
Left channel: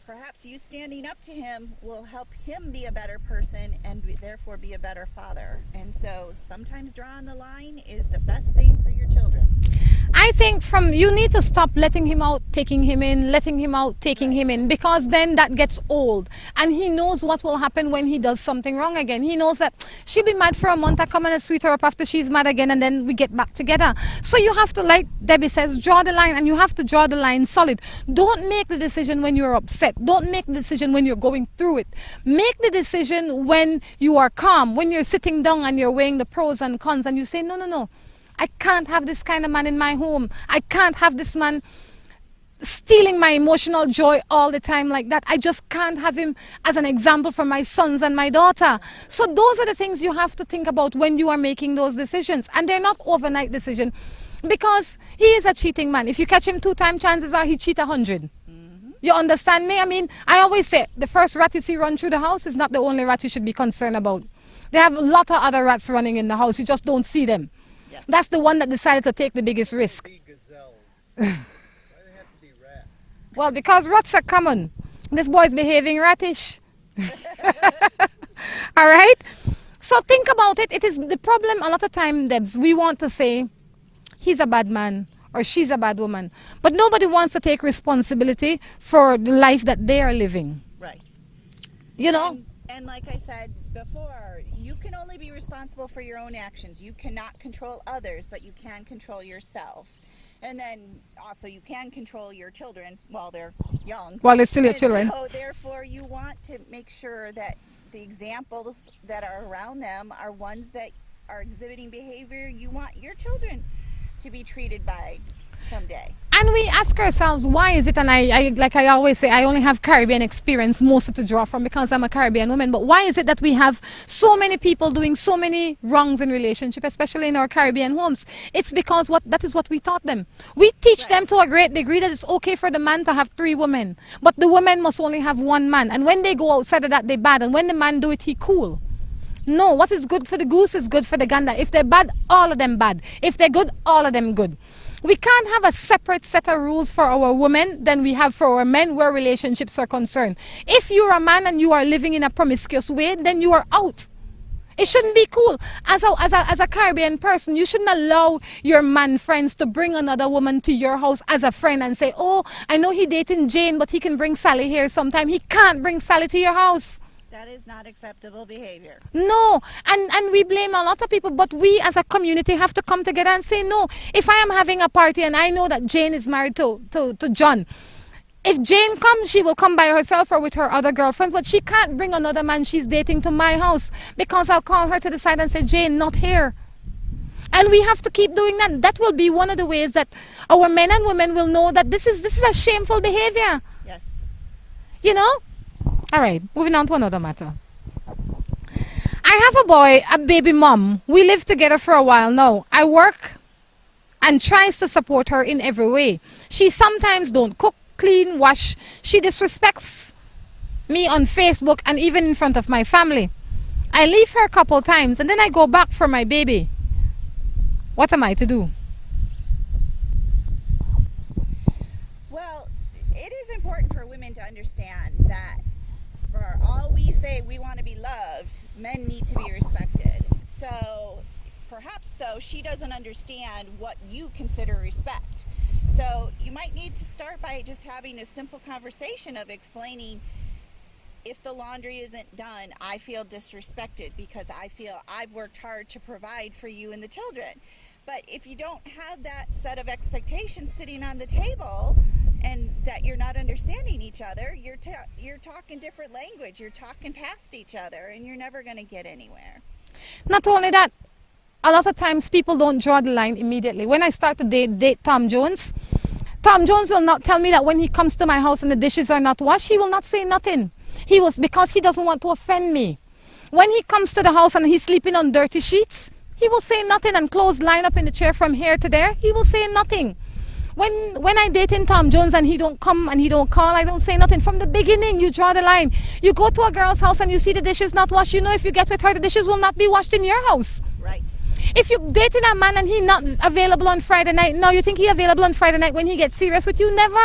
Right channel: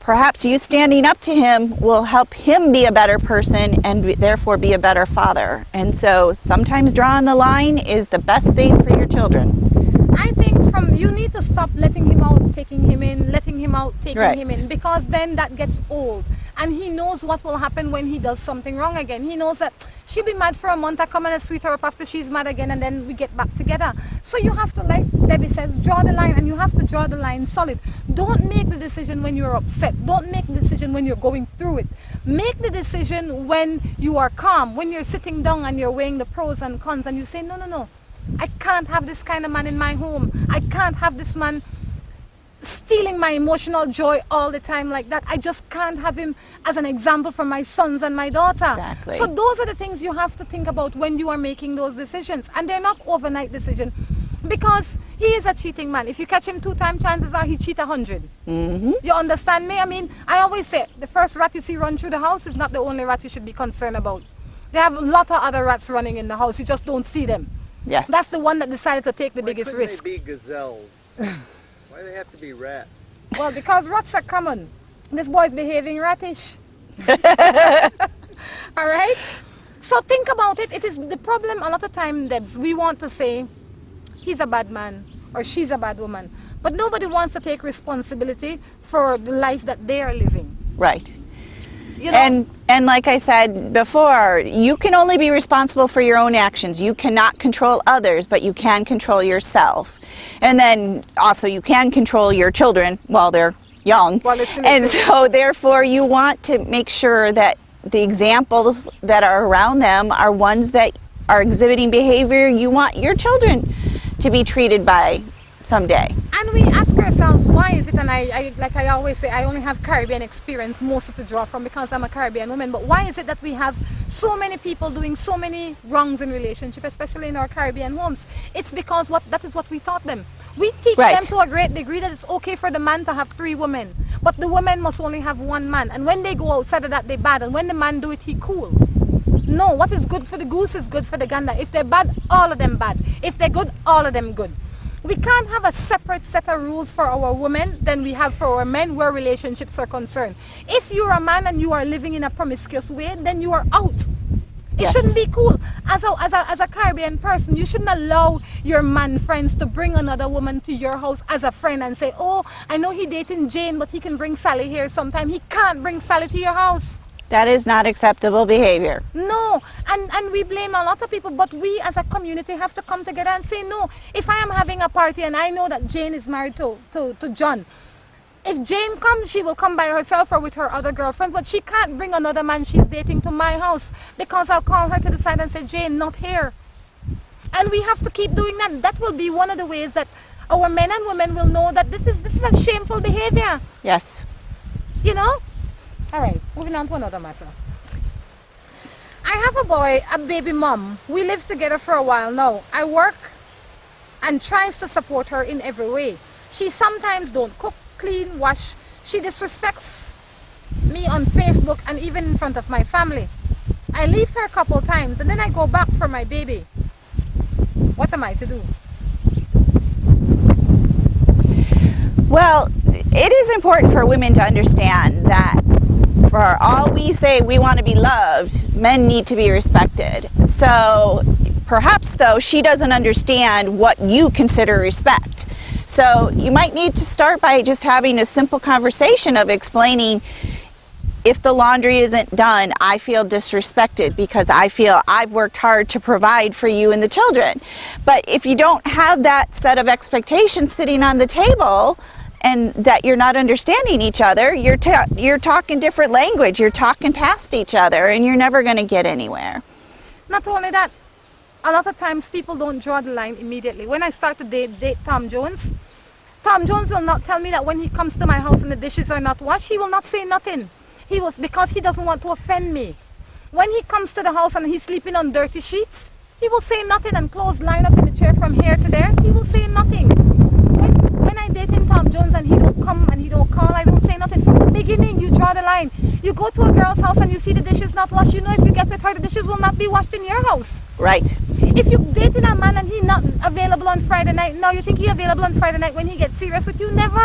perhaps you standing up to him will help him be a better person and therefore be a better father. And so sometimes drawing the line is the best thing for your children. I think you need to stop letting him out, taking him in, letting him out, taking him in, because then that gets old. And he knows what will happen when he does something wrong again. He knows that she'll be mad for a month, I come and sweet her up after she's mad again, and then we get back together. So you have to, like Debbie says, draw the line, and you have to draw the line solid. Don't make the decision when you're upset. Don't make the decision when you're going through it. Make the decision when you are calm, when you're sitting down and you're weighing the pros and cons, and you say, no, no, no. I can't have this kind of man in my home. I can't have this man stealing my emotional joy all the time like that. I just can't have him as an example for my sons and my daughter. Exactly. So those are the things you have to think about when you are making those decisions. And they're not overnight decisions, because he is a cheating man. If you catch him 2 times, chances are he cheat 100. Mm-hmm. You understand me? I mean, I always say the first rat you see run through the house is not the only rat you should be concerned about. They have a lot of other rats running in the house. You just don't see them. Yes. That's the one that decided to take the biggest risk. Why couldn't they be gazelles? Why do they have to be rats? Well, because rats are common. This boy's behaving rattish. All right? So think about it. It is the problem a lot of time, Debs. We want to say, he's a bad man or she's a bad woman. But nobody wants to take responsibility for the life that they are living. Right. You know? And like I said before, you can only be responsible for your own actions. You cannot control others, but you can control yourself. And then also you can control your children while they're young. While they're still children. And so therefore you want to make sure that the examples that are around them are ones that are exhibiting behavior you want your children to be treated by someday. And we ask ourselves, why is it, and I like I always say, I only have Caribbean experience mostly to draw from because I'm a Caribbean woman, but why is it that we have so many people doing so many wrongs in relationship, especially in our Caribbean homes? It's because that is what we taught them. We teach them to a great degree that it's okay for the man to have 3 women, but the women must only have 1 man. And when they go outside of that, they bad. And when the man do it, he cool. No, what is good for the goose is good for the gander. If they're bad, all of them bad. If they're good, all of them good. We can't have a separate set of rules for our women than we have for our men where relationships are concerned. If you're a man and you are living in a promiscuous way, then you are out. It shouldn't be cool. As a Caribbean person, you shouldn't allow your man friends to bring another woman to your house as a friend and say, oh, I know he dating Jane, but he can bring Sally here sometime. He can't bring Sally to your house. That is not acceptable behavior. No, and we blame a lot of people, but we as a community have to come together and say, no, if I am having a party and I know that Jane is married to John, if Jane comes, she will come by herself or with her other girlfriends, but she can't bring another man she's dating to my house, because I'll call her to the side and say, Jane, not here. And we have to keep doing that. That will be one of the ways that our men and women will know that this is a shameful behavior. Yes. You know? All right, moving on to another matter. I have a boy, a baby mom. We live together for a while now. I work and tries to support her in every way. She sometimes don't cook, clean, wash. She disrespects me on Facebook and even in front of my family. I leave her a couple times and then I go back for my baby. What am I to do? Well, it is important for women to understand that for all we say we want to be loved, men need to be respected. So perhaps, though, she doesn't understand what you consider respect. So you might need to start by just having a simple conversation of explaining, if the laundry isn't done, I feel disrespected because I feel I've worked hard to provide for you and the children. But if you don't have that set of expectations sitting on the table, and that you're not understanding each other, you're talking different language, you're talking past each other, and you're never going to get anywhere. Not only that, a lot of times people don't draw the line immediately. When I start to date Tom Jones will not tell me that when he comes to my house and the dishes are not washed, he will not say nothing. Because he doesn't want to offend me. When he comes to the house and he's sleeping on dirty sheets, he will say nothing, and clothes line up in the chair from here to there, he will say nothing. When I date in Tom Jones and he don't come and he don't call, I don't say nothing. From the beginning, you draw the line. You go to a girl's house and you see the dishes not washed, you know if you get with her, the dishes will not be washed in your house. Right. If you dating a man and he not available on Friday night, now you think he available on Friday night when he gets serious with you? Never.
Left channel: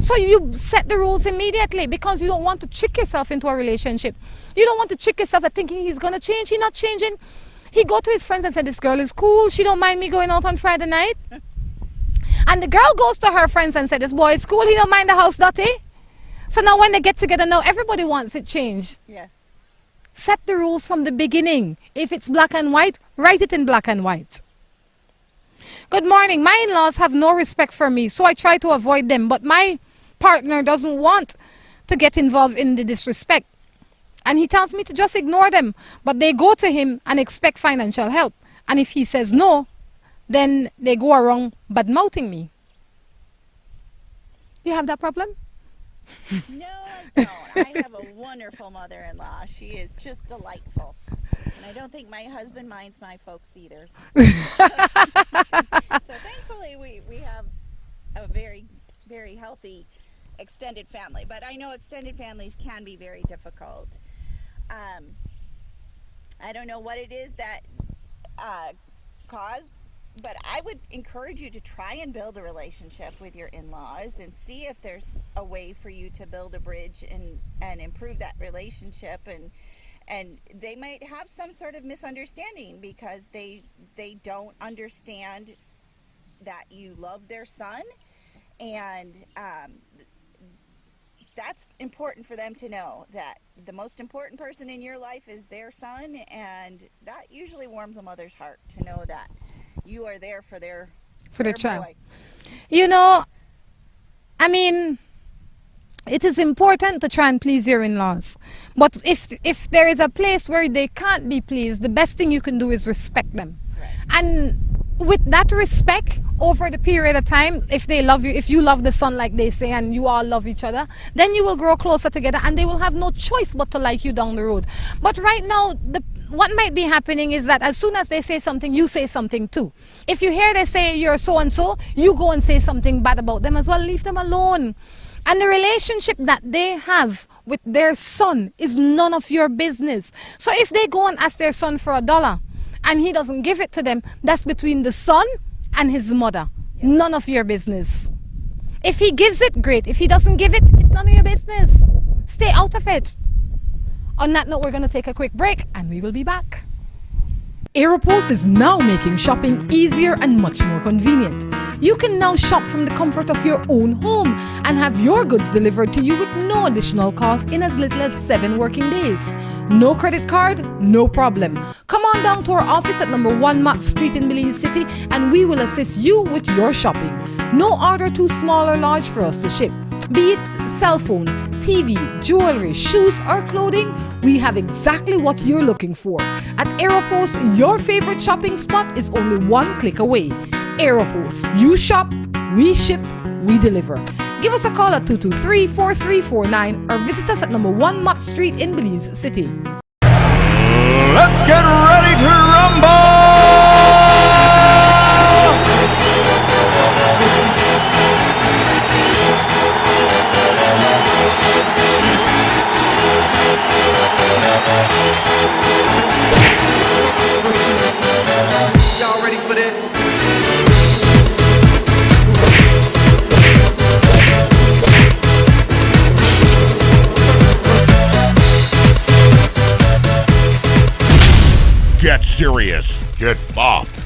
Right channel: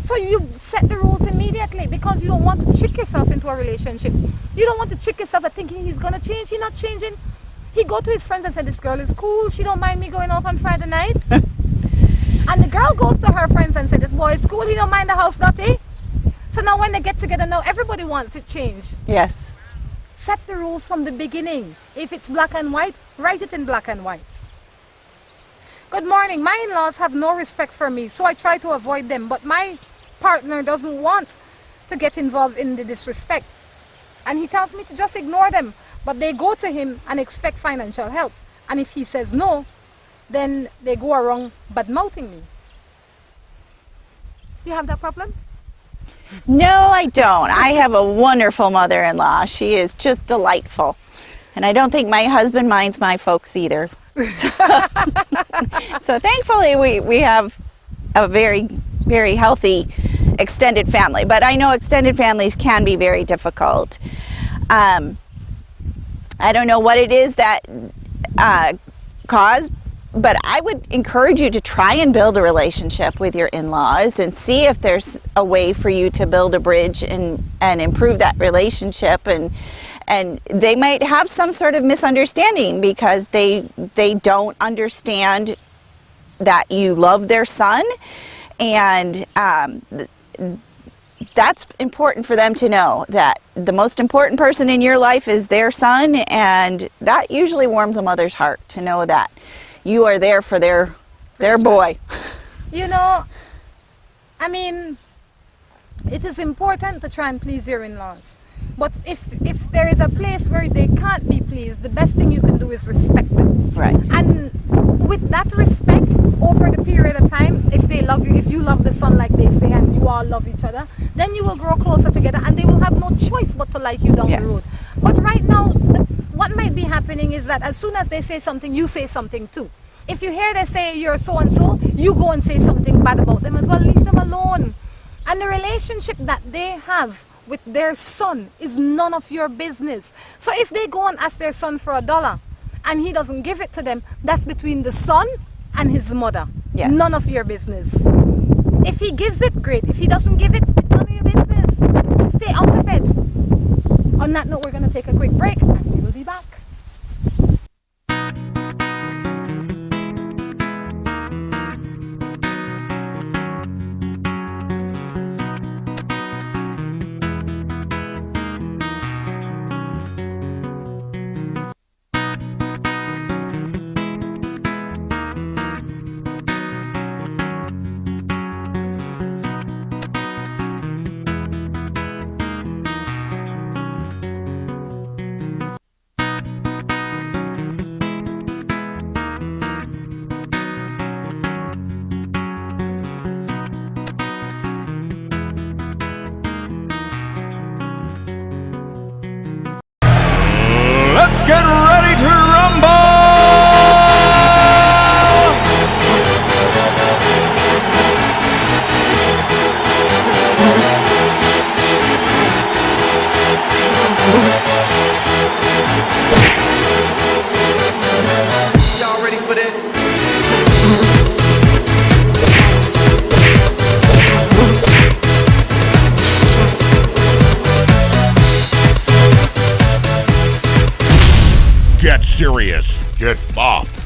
So you set the rules immediately because you don't want to trick yourself into a relationship. You don't want to trick yourself at thinking he's going to change. He's not changing. He go to his friends and said, this girl is cool. She don't mind me going out on Friday night. And the girl goes to her friends and said, this boy is cool. He don't mind the house dirty. So now when they get together, now everybody wants it changed. Yes. Set the rules from the beginning. If it's black and white, write it in black and white. Good morning. My in-laws have no respect for me, so I try to avoid them. But my partner doesn't want to get involved in the disrespect. And he tells me to just ignore them. But they go to him and expect financial help. And if he says no, then they go around bad-mouthing me. You have that problem? No, I don't. I have a wonderful mother-in-law. She is just delightful. And I don't think my husband minds my folks either. So thankfully we have a very, very healthy extended family. But I know extended families can be very difficult. I don't know what it is that caused, but I would encourage you to try and build a relationship with your in-laws and see if there's a way for you to build a bridge and improve that relationship. And they might have some sort of misunderstanding because they don't understand that you love their son, and that's important for them to know that the most important person in your life is their son, and that usually warms a mother's heart to know that you are there for their boy. You know, I mean, it is important to try and please your in-laws. But if there is a place where they can't be pleased, the best thing you can do is respect them. Right. And with that respect, over the period of time, if they love you, if you love the son like they say, and you all love each other, then you will grow closer together and they will have no choice but to like you down the road. But right now, what might be happening is that as soon as they say something, you say something too. If you hear they say you're so-and-so, you go and say something bad about them as well. Leave them alone. And the relationship that they have with their son is none of your business. So if they go and ask their son for $1 and he doesn't give it to them, that's between the son and his mother. Yes. None of your business. If he gives it, great. If he doesn't give it, it's none of your business. Stay out of it. On that note, we're going to take a quick break and we will be back. Aeropost is now making shopping easier and much more convenient. You can now shop from the comfort of your own home and have your goods delivered to you with no additional cost in as little as 7 working days. No credit card? No problem. Come on down to our office at number 1 Mott Street in Belize City and we will assist you with your shopping. No order too small or large for us to ship. Be it cell phone, TV, jewelry, shoes or clothing, we have exactly what you're looking for. At Aeropost, your favorite shopping spot is only 1 click away. Aeropost, you shop, we ship, we deliver. Give us a call at 223-4349 or visit us at number 1 Mott Street in Belize City. Let's get ready to rumble! Y'all ready for this? serious. Get bopped.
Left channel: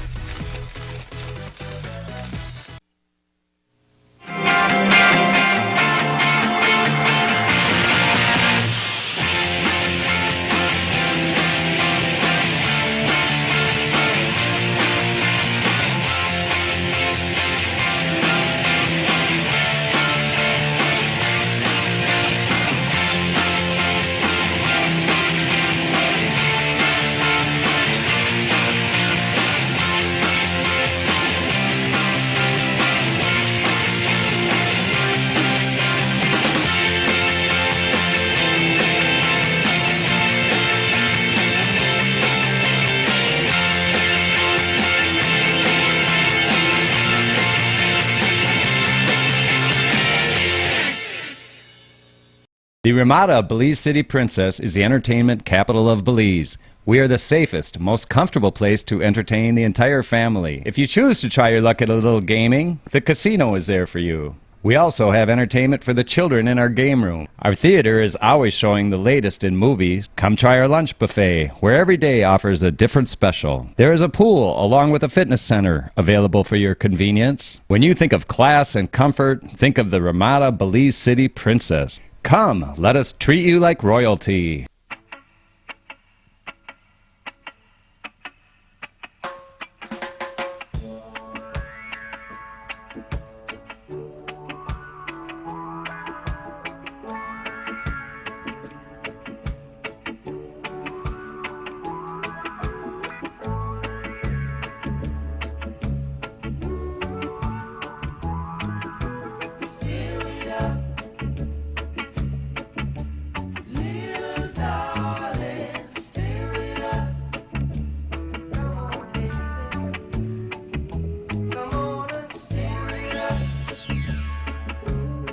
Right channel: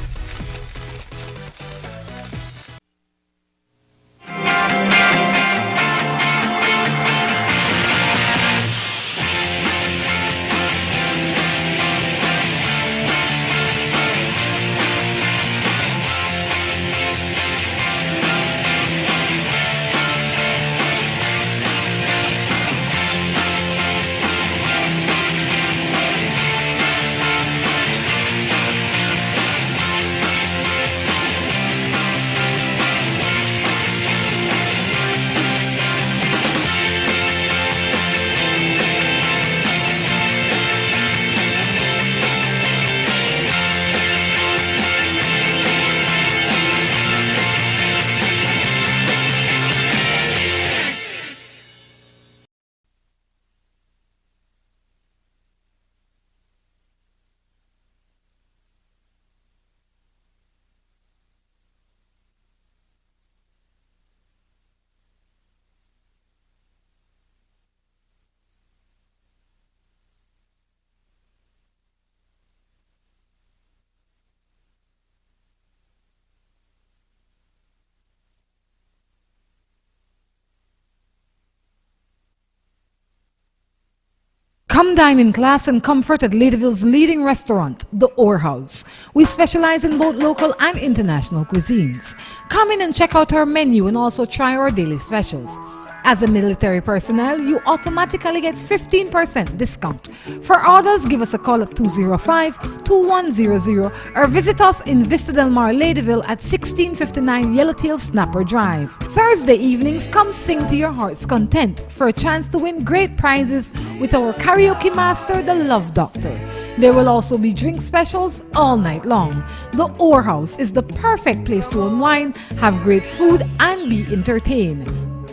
The Ramada Belize City Princess is the entertainment capital of Belize. We are the safest, most comfortable place to entertain the entire family. If you choose to try your luck at a little gaming, the casino is there for you. We also have entertainment for the children in our game room. Our theater is always showing the latest in movies. Come try our lunch buffet, where every day offers a different special. There is a pool along with a fitness center available for your convenience. When you think of class and comfort, think of the Ramada Belize City Princess. Come, let us treat you like royalty. Come dine in class and comfort at Ladyville's leading restaurant, the Orr House. We specialize in both local and international cuisines. Come in and check out our menu and also try our daily specials. As a military personnel, you automatically get 15% discount. For orders, give us a call at 205-2100 or visit us in Vista Del Mar, Ladyville at 1659 Yellowtail Snapper Drive. Thursday evenings, come sing to your heart's content for a chance to win great prizes with our karaoke master, the Love Doctor. There will also be drink specials all night long. The Orr House is the perfect place to unwind, have great food, and be entertained.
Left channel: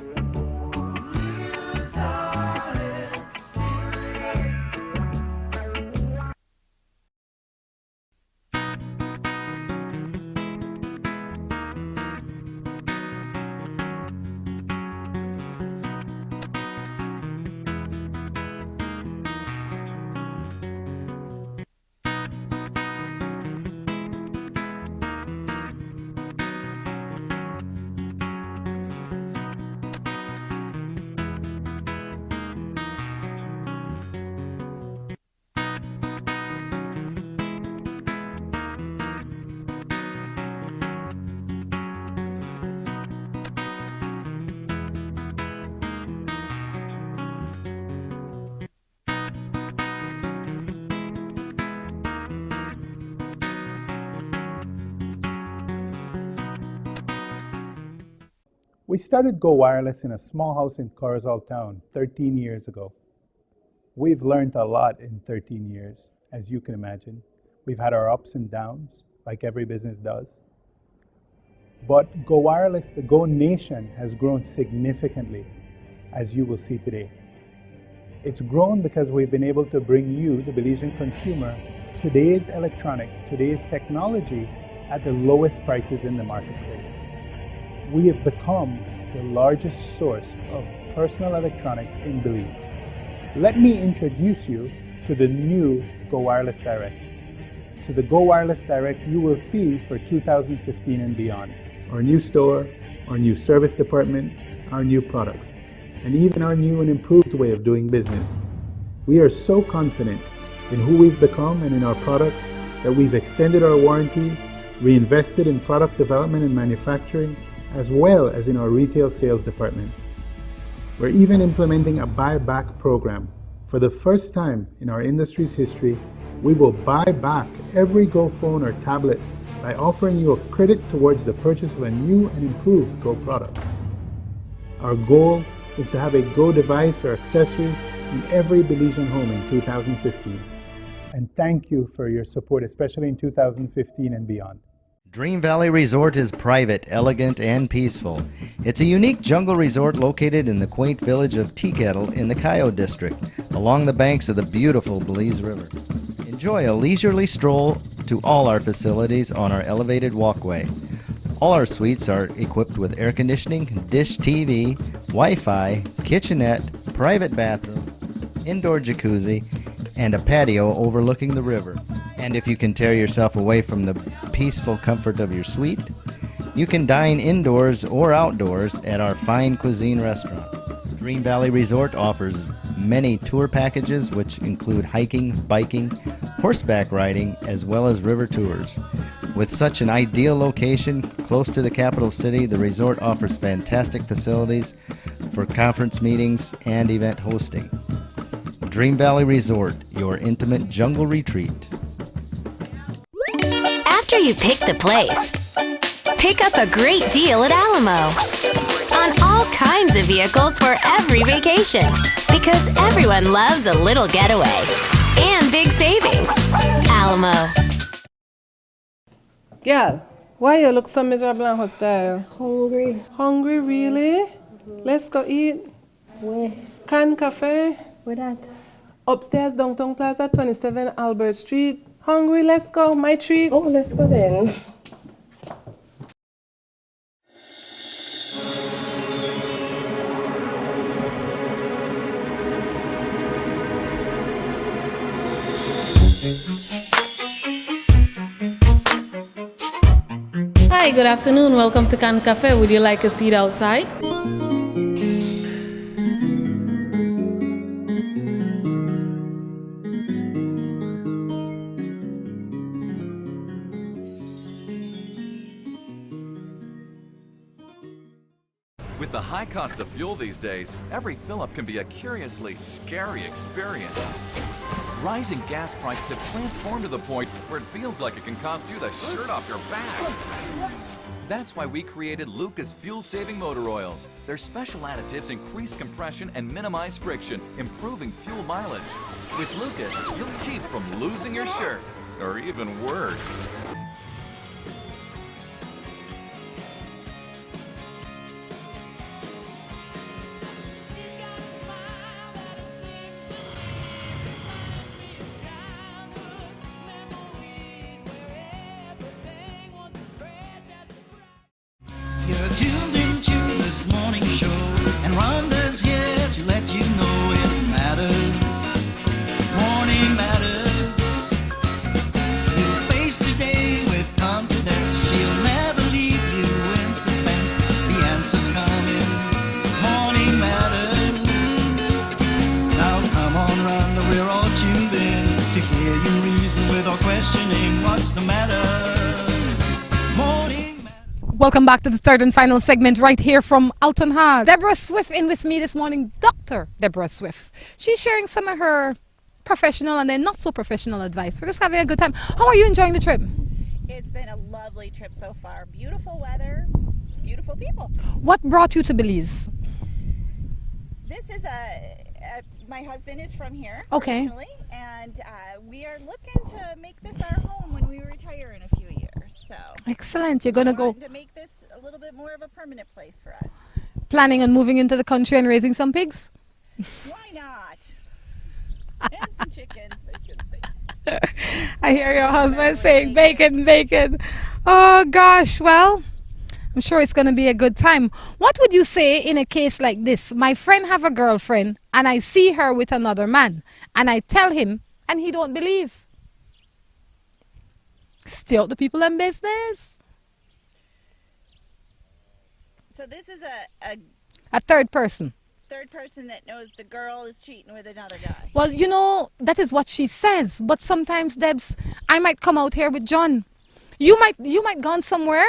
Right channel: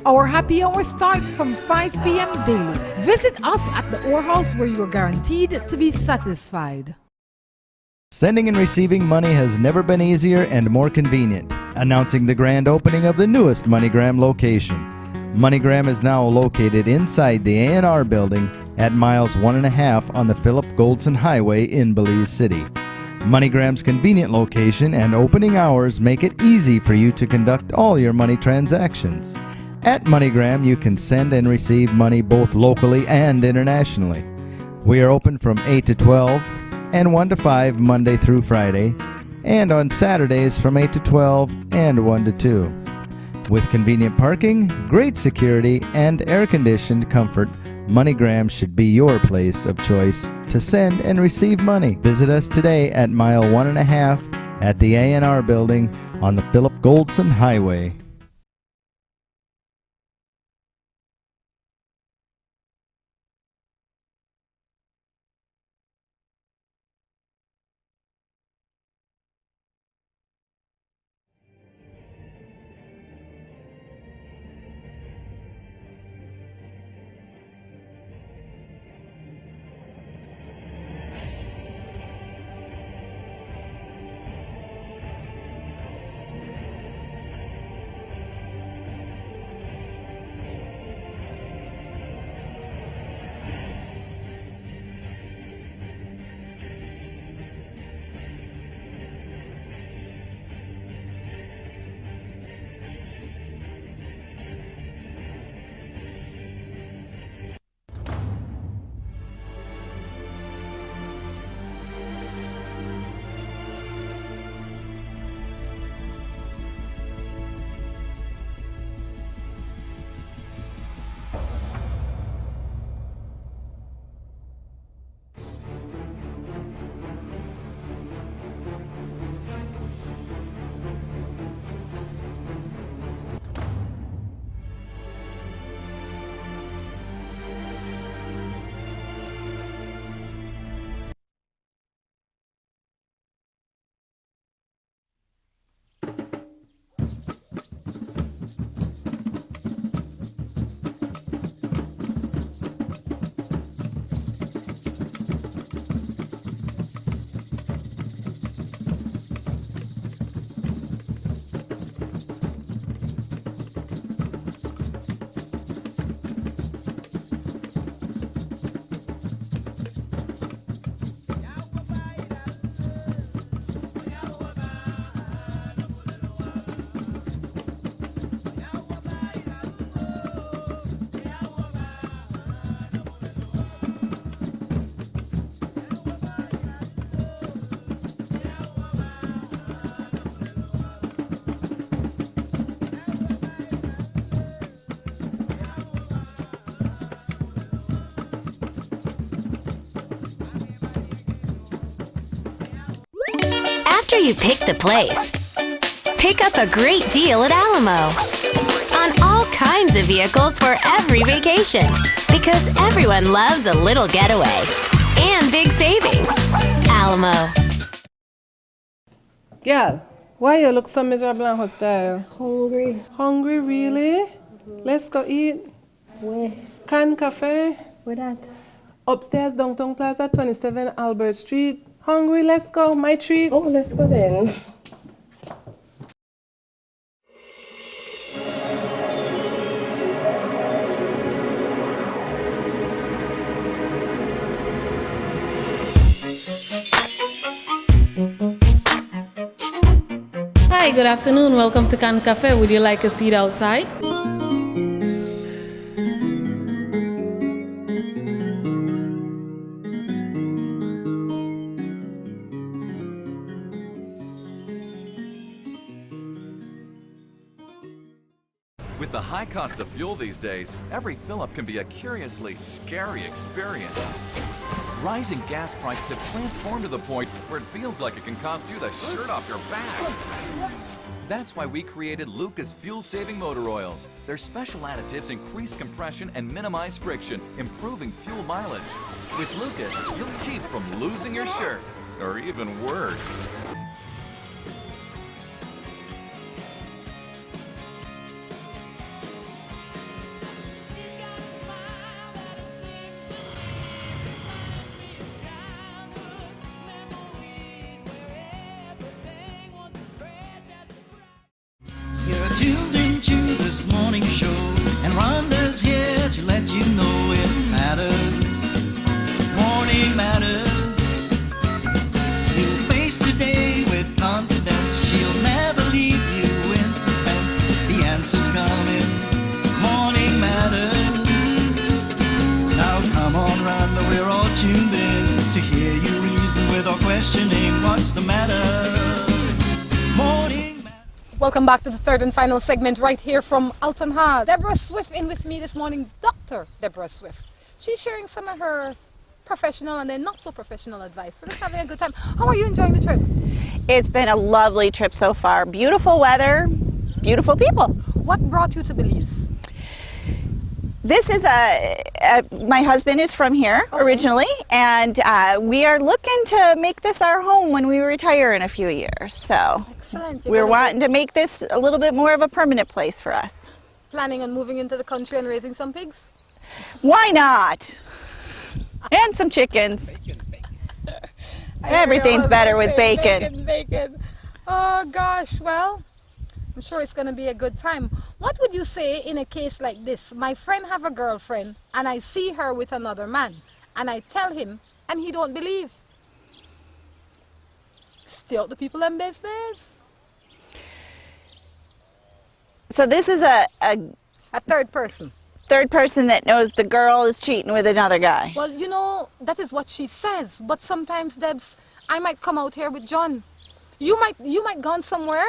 Our happy hour starts from 5 p.m. daily. Visit us at the Orr House where you're guaranteed to be satisfied. Sending and receiving money has never been easier and more convenient. Announcing the grand opening of the newest MoneyGram location. MoneyGram is now located inside the A&R building at miles 1.5 on the Philip Goldson Highway in Belize City. MoneyGram's convenient location and opening hours make it easy for you to conduct all your money transactions. At MoneyGram, you can send and receive money both locally and internationally. We are open from 8 to 12 and 1 to 5 Monday through Friday, and on Saturdays from 8 to 12 and 1 to 2. With convenient parking, great security, and air-conditioned comfort, MoneyGram should be your place of choice to send and receive money. Visit us today at mile 1.5 at the A&R building on the Philip Goldson Highway. We started Go Wireless in a small house in Corozal Town 13 years ago. We've learned a lot in 13 years, as you can imagine. We've had our ups and downs, like every business does. But Go Wireless, the Go Nation, has grown significantly, as you will see today. It's grown because we've been able to bring you, the Belizean consumer, today's electronics, today's technology at the lowest prices in the marketplace. We have become the largest source of personal electronics in Belize. Let me introduce you to the new Go Wireless Direct. To the Go Wireless Direct you will see for 2015 and beyond. Our new store, our new service department, our new products, and even our new and improved way of doing business. We are so confident in who we've become and in our products that we've extended our warranties, reinvested in product development and manufacturing, as well as in our retail sales departments. We're even implementing a buyback program. For the first time in our industry's history, we will buy back every Go phone or tablet by offering you a credit towards the purchase of a new and improved Go product. Our goal is to have a Go device or accessory in every Belizean home in 2015. And thank you for your support, especially in 2015 and beyond. Dream Valley Resort is private, elegant, and peaceful. It's a unique jungle resort located in the quaint village of Teakettle in the Coyote District, along the banks of the beautiful Belize River. Enjoy a leisurely stroll to all our facilities on our elevated walkway. All our suites are equipped with air conditioning, dish TV, Wi-Fi, kitchenette, private bathroom, indoor jacuzzi, and a patio overlooking the river. And if you can tear yourself away from the peaceful comfort of your suite, you can dine indoors or outdoors at our fine cuisine restaurant. Green Valley Resort offers many tour packages which include hiking, biking, horseback riding, as well as river tours. With such an ideal location close to the capital city, the resort offers fantastic facilities for conference meetings and event hosting. Dream Valley Resort, your intimate jungle retreat. After you pick the place, pick up a great deal at Alamo on all kinds of vehicles for every vacation, because everyone loves a little getaway and big savings. Alamo. Girl, why you look so miserable and hostile? Hungry. Hungry, really? Let's go eat. Where? Can Cafe. Where that? Upstairs, Downtown Plaza, 27 Albert Street. Hungry, let's go. My treat. Oh, let's go then. Hi, good afternoon. Welcome to Can Cafe. Would you like a seat outside? With the high cost of fuel these days, every fill-up can be a curiously scary experience. Rising gas prices have transformed to the point where it feels like it can cost you the shirt off your back. That's why we created Lucas fuel-saving motor oils. Their special additives increase compression and minimize friction, improving fuel mileage. With Lucas, you'll keep from losing your shirt, or even worse. You're tuned into this morning show, and Rhonda's here to let you know it matters. Morning matters. You'll face today with confidence. She'll never leave you in suspense. The answer's coming. Morning matters. Now come on, Rhonda, we're all tuned in to hear you reason without questioning what's the matter. Morning. Welcome back to the third and final segment right here from Altun. Deborah Swift in with me this morning, Dr. Deborah Swift. She's sharing some of her professional and then not so professional advice. We're just having a good time. How are you enjoying the trip? It's been a lovely trip so far. Beautiful weather, beautiful people. What brought you to Belize? This is my husband is from here originally, and we are looking to make this our home when we retire in a few years. So excellent. We're wanting to make this a little bit more of a permanent place for us. Planning on moving into the country and raising some pigs? Why not? And some chickens. Everything's better with bacon. Bacon. Oh gosh, well, I'm sure it's going to be a good time. What would you say in a case like this? My friend have a girlfriend and I see her with another man and I tell him and he don't believe. Stay out the people in business. So this is a third person. Third person that knows the girl is cheating with another guy. Well, you know, that is what she says. But sometimes, Debs, I might come out here with John. You might gone somewhere.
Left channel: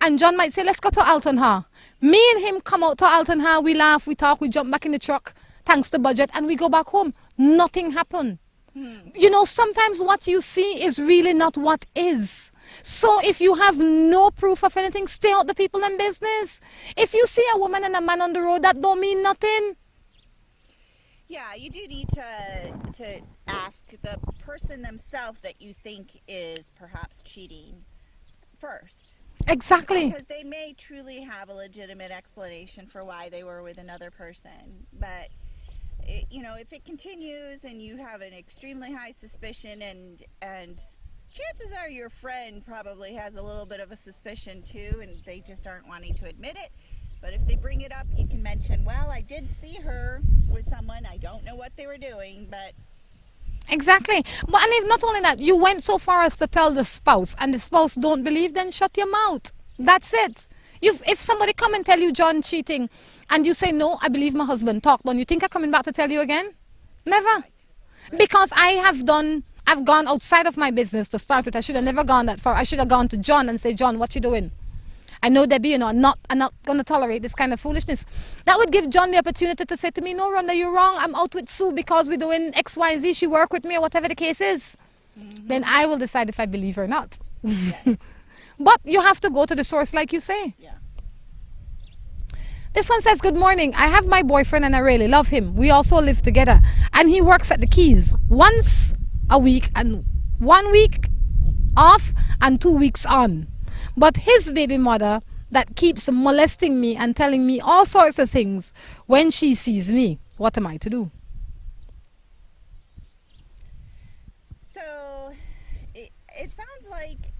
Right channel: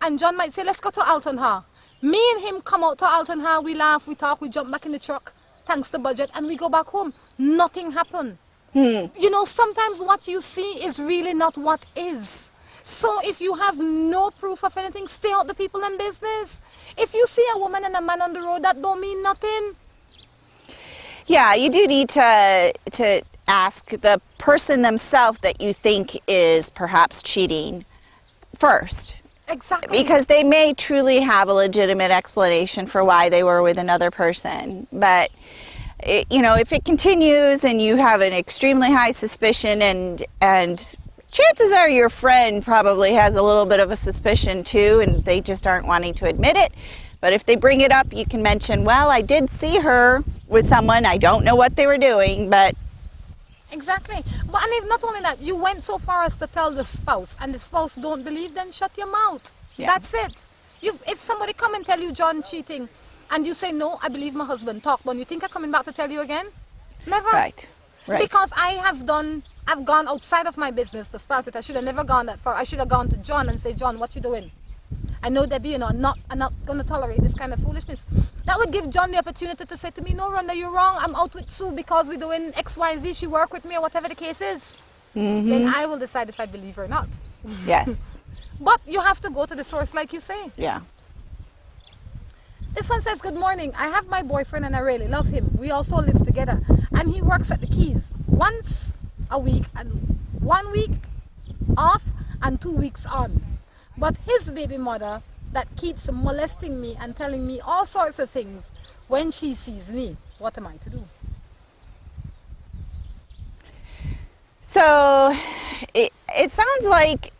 And John might say, let's go to Altun. Me and him come out to Altun. We laugh, we talk, we jump back in the truck, thanks to budget, and we go back home. Nothing happened. You know, sometimes what you see is really not what is. So if you have no proof of anything, stay out the people in business. If you see a woman and a man on the road, that don't mean nothing. Yeah, you do need to ask the person themselves that you think is perhaps cheating first. Exactly. Because they may truly have a legitimate explanation for why they were with another person. But, you know, if it continues and you have an extremely high suspicion and chances are your friend probably has a little bit of a suspicion too and they just aren't wanting to admit it. But if they bring it up, you can mention, well, I did see her with someone. I don't know what they were doing, but Exactly. But and if not only that, you went so far as to tell the spouse, and the spouse don't believe, then shut your mouth. Yeah. That's it. If somebody come and tell you John cheating, and you say no, I believe my husband, talk on, you think I'm coming back to tell you again? Never. Right. Because I've gone outside of my business to start with. I should have never gone that far. I should have gone to John and say, John, what you doing? I know, Debbie, I'm not going to tolerate this kind of foolishness. That would give John the opportunity to say to me, no, Rhonda, you're wrong. I'm out with Sue because we're doing X, Y, and Z. She work with me or whatever the case is. Then I will decide if I believe her or not. Yes. But you have to go to the source like you say. Yeah. This one says, good morning. I have my boyfriend and I really love him. We also live together. And he works at the Keys once a week and 1 week off and 2 weeks on. But his baby mother that keeps molesting me and telling me all sorts of things when she sees me. What am I to do? So it sounds like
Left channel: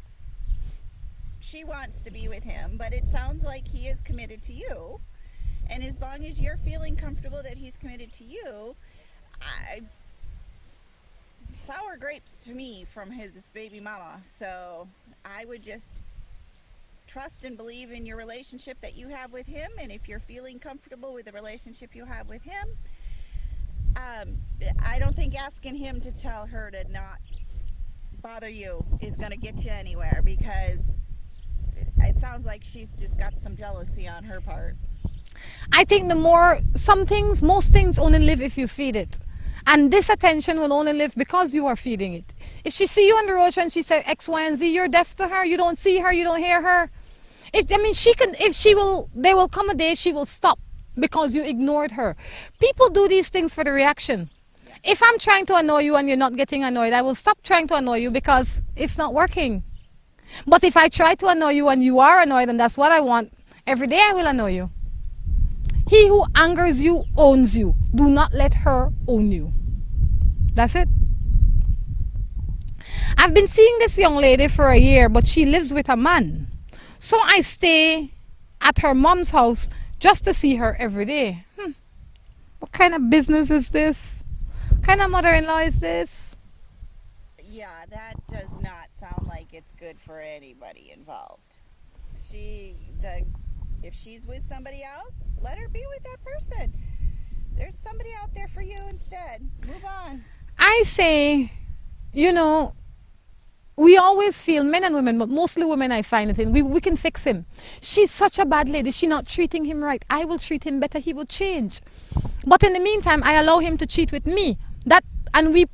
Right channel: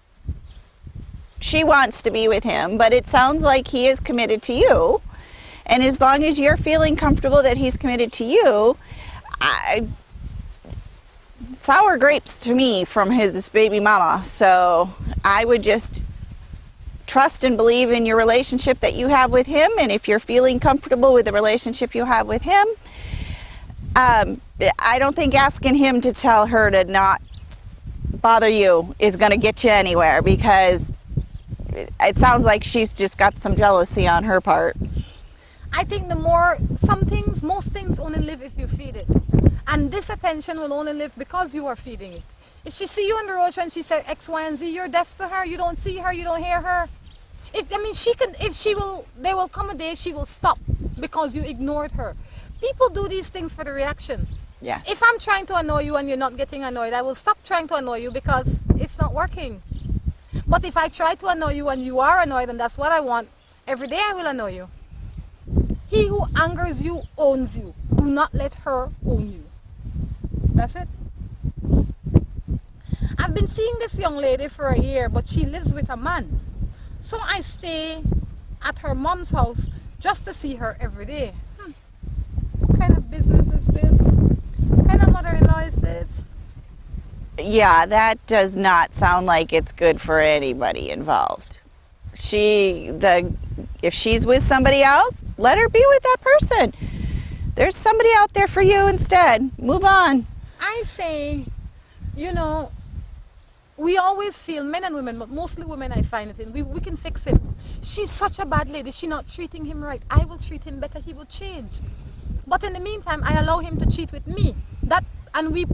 she wants to be with him, but it sounds like he is committed to you. And as long as you're feeling comfortable that he's committed to you, sour grapes to me from his baby mama. So I would just trust and believe in your relationship that you have with him. And if you're feeling comfortable with the relationship you have with him, I don't think asking him to tell her to not bother you is going to get you anywhere, because it sounds like she's just got some jealousy on her part. I think most things only live if you feed it. And this attention will only live because you are feeding it. If she see you on the road and she said X, Y, and Z, you're deaf to her, you don't see her, you don't hear her. There will come a day she will stop because you ignored her. People do these things for the reaction. Yeah. If I'm trying to annoy you and you're not getting annoyed, I will stop trying to annoy you because it's not working. But if I try to annoy you and you are annoyed and that's what I want, every day I will annoy you. He who angers you owns you. Do not let her own you. That's it. I've been seeing this young lady for a year, but she lives with a man. So I stay at her mom's house just to see her every day. What kind of business is this? What kind of mother-in-law is this? Yeah, that does not sound like it's good for anybody involved. If she's with somebody else, let her be with that person. There's somebody out there for you instead. Move on. I say, we always feel, men and women, but mostly women I find it in, we can fix him. She's such a bad lady. She's not treating him right. I will treat him better. He will change. But in the meantime, I allow him to cheat with me. And we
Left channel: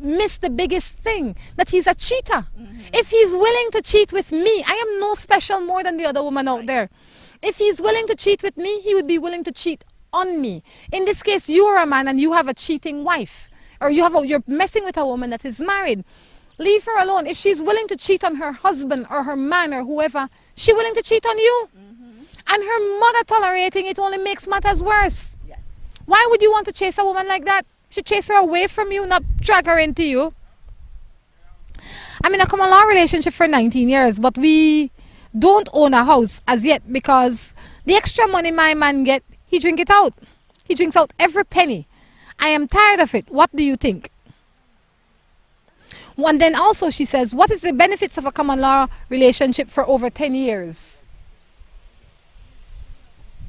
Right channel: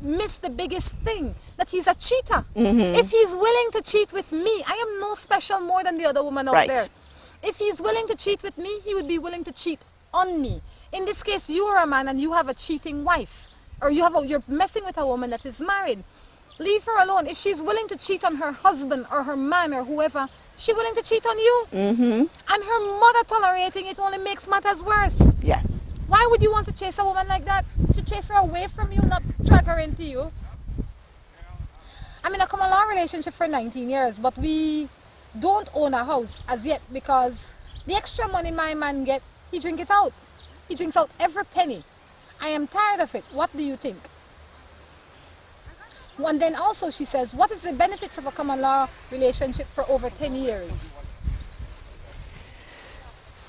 miss the biggest thing, that he's a cheater. If he's willing to cheat with me, I am no special more than the other woman out there. If he's willing to cheat with me, he would be willing to cheat on me. In this case, you are a man and you have a cheating wife, or you're messing with a woman that is married. Leave her alone. If she's willing to cheat on her husband or her man or whoever, she's willing to cheat on you. And her mother tolerating it only makes matters worse. Yes. Why would you want to chase a woman like that? You should chase her away from you, not drag her into you. I'm in a common law relationship for 19 years, but we don't own a house as yet because the extra money my man get, he drink it out. He drinks out every penny. I am tired of it. What do you think? And then also she says, what is the benefits of a common law relationship for over 10 years?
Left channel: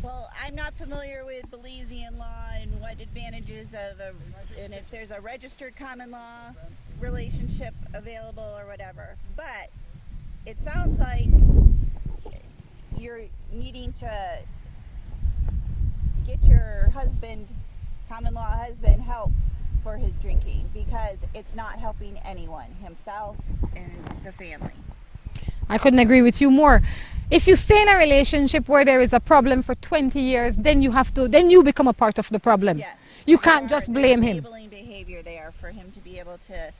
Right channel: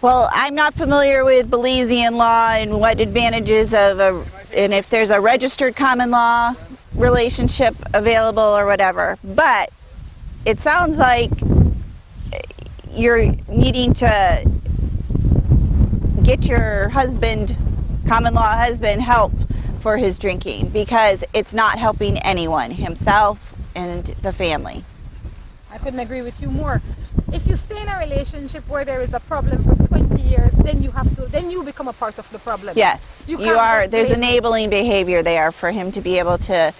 Well, I'm not familiar with Belizean law and what advantages and if there's a registered common law relationship available or whatever. But it sounds like you're needing to get your husband, common law husband, help for his drinking, because it's not helping anyone, himself and the family. I couldn't agree with you more. If you stay in a relationship where there is a problem for 20 years, then you become a part of the problem. Yes. You can't just there's blame enabling behavior there for him to be able to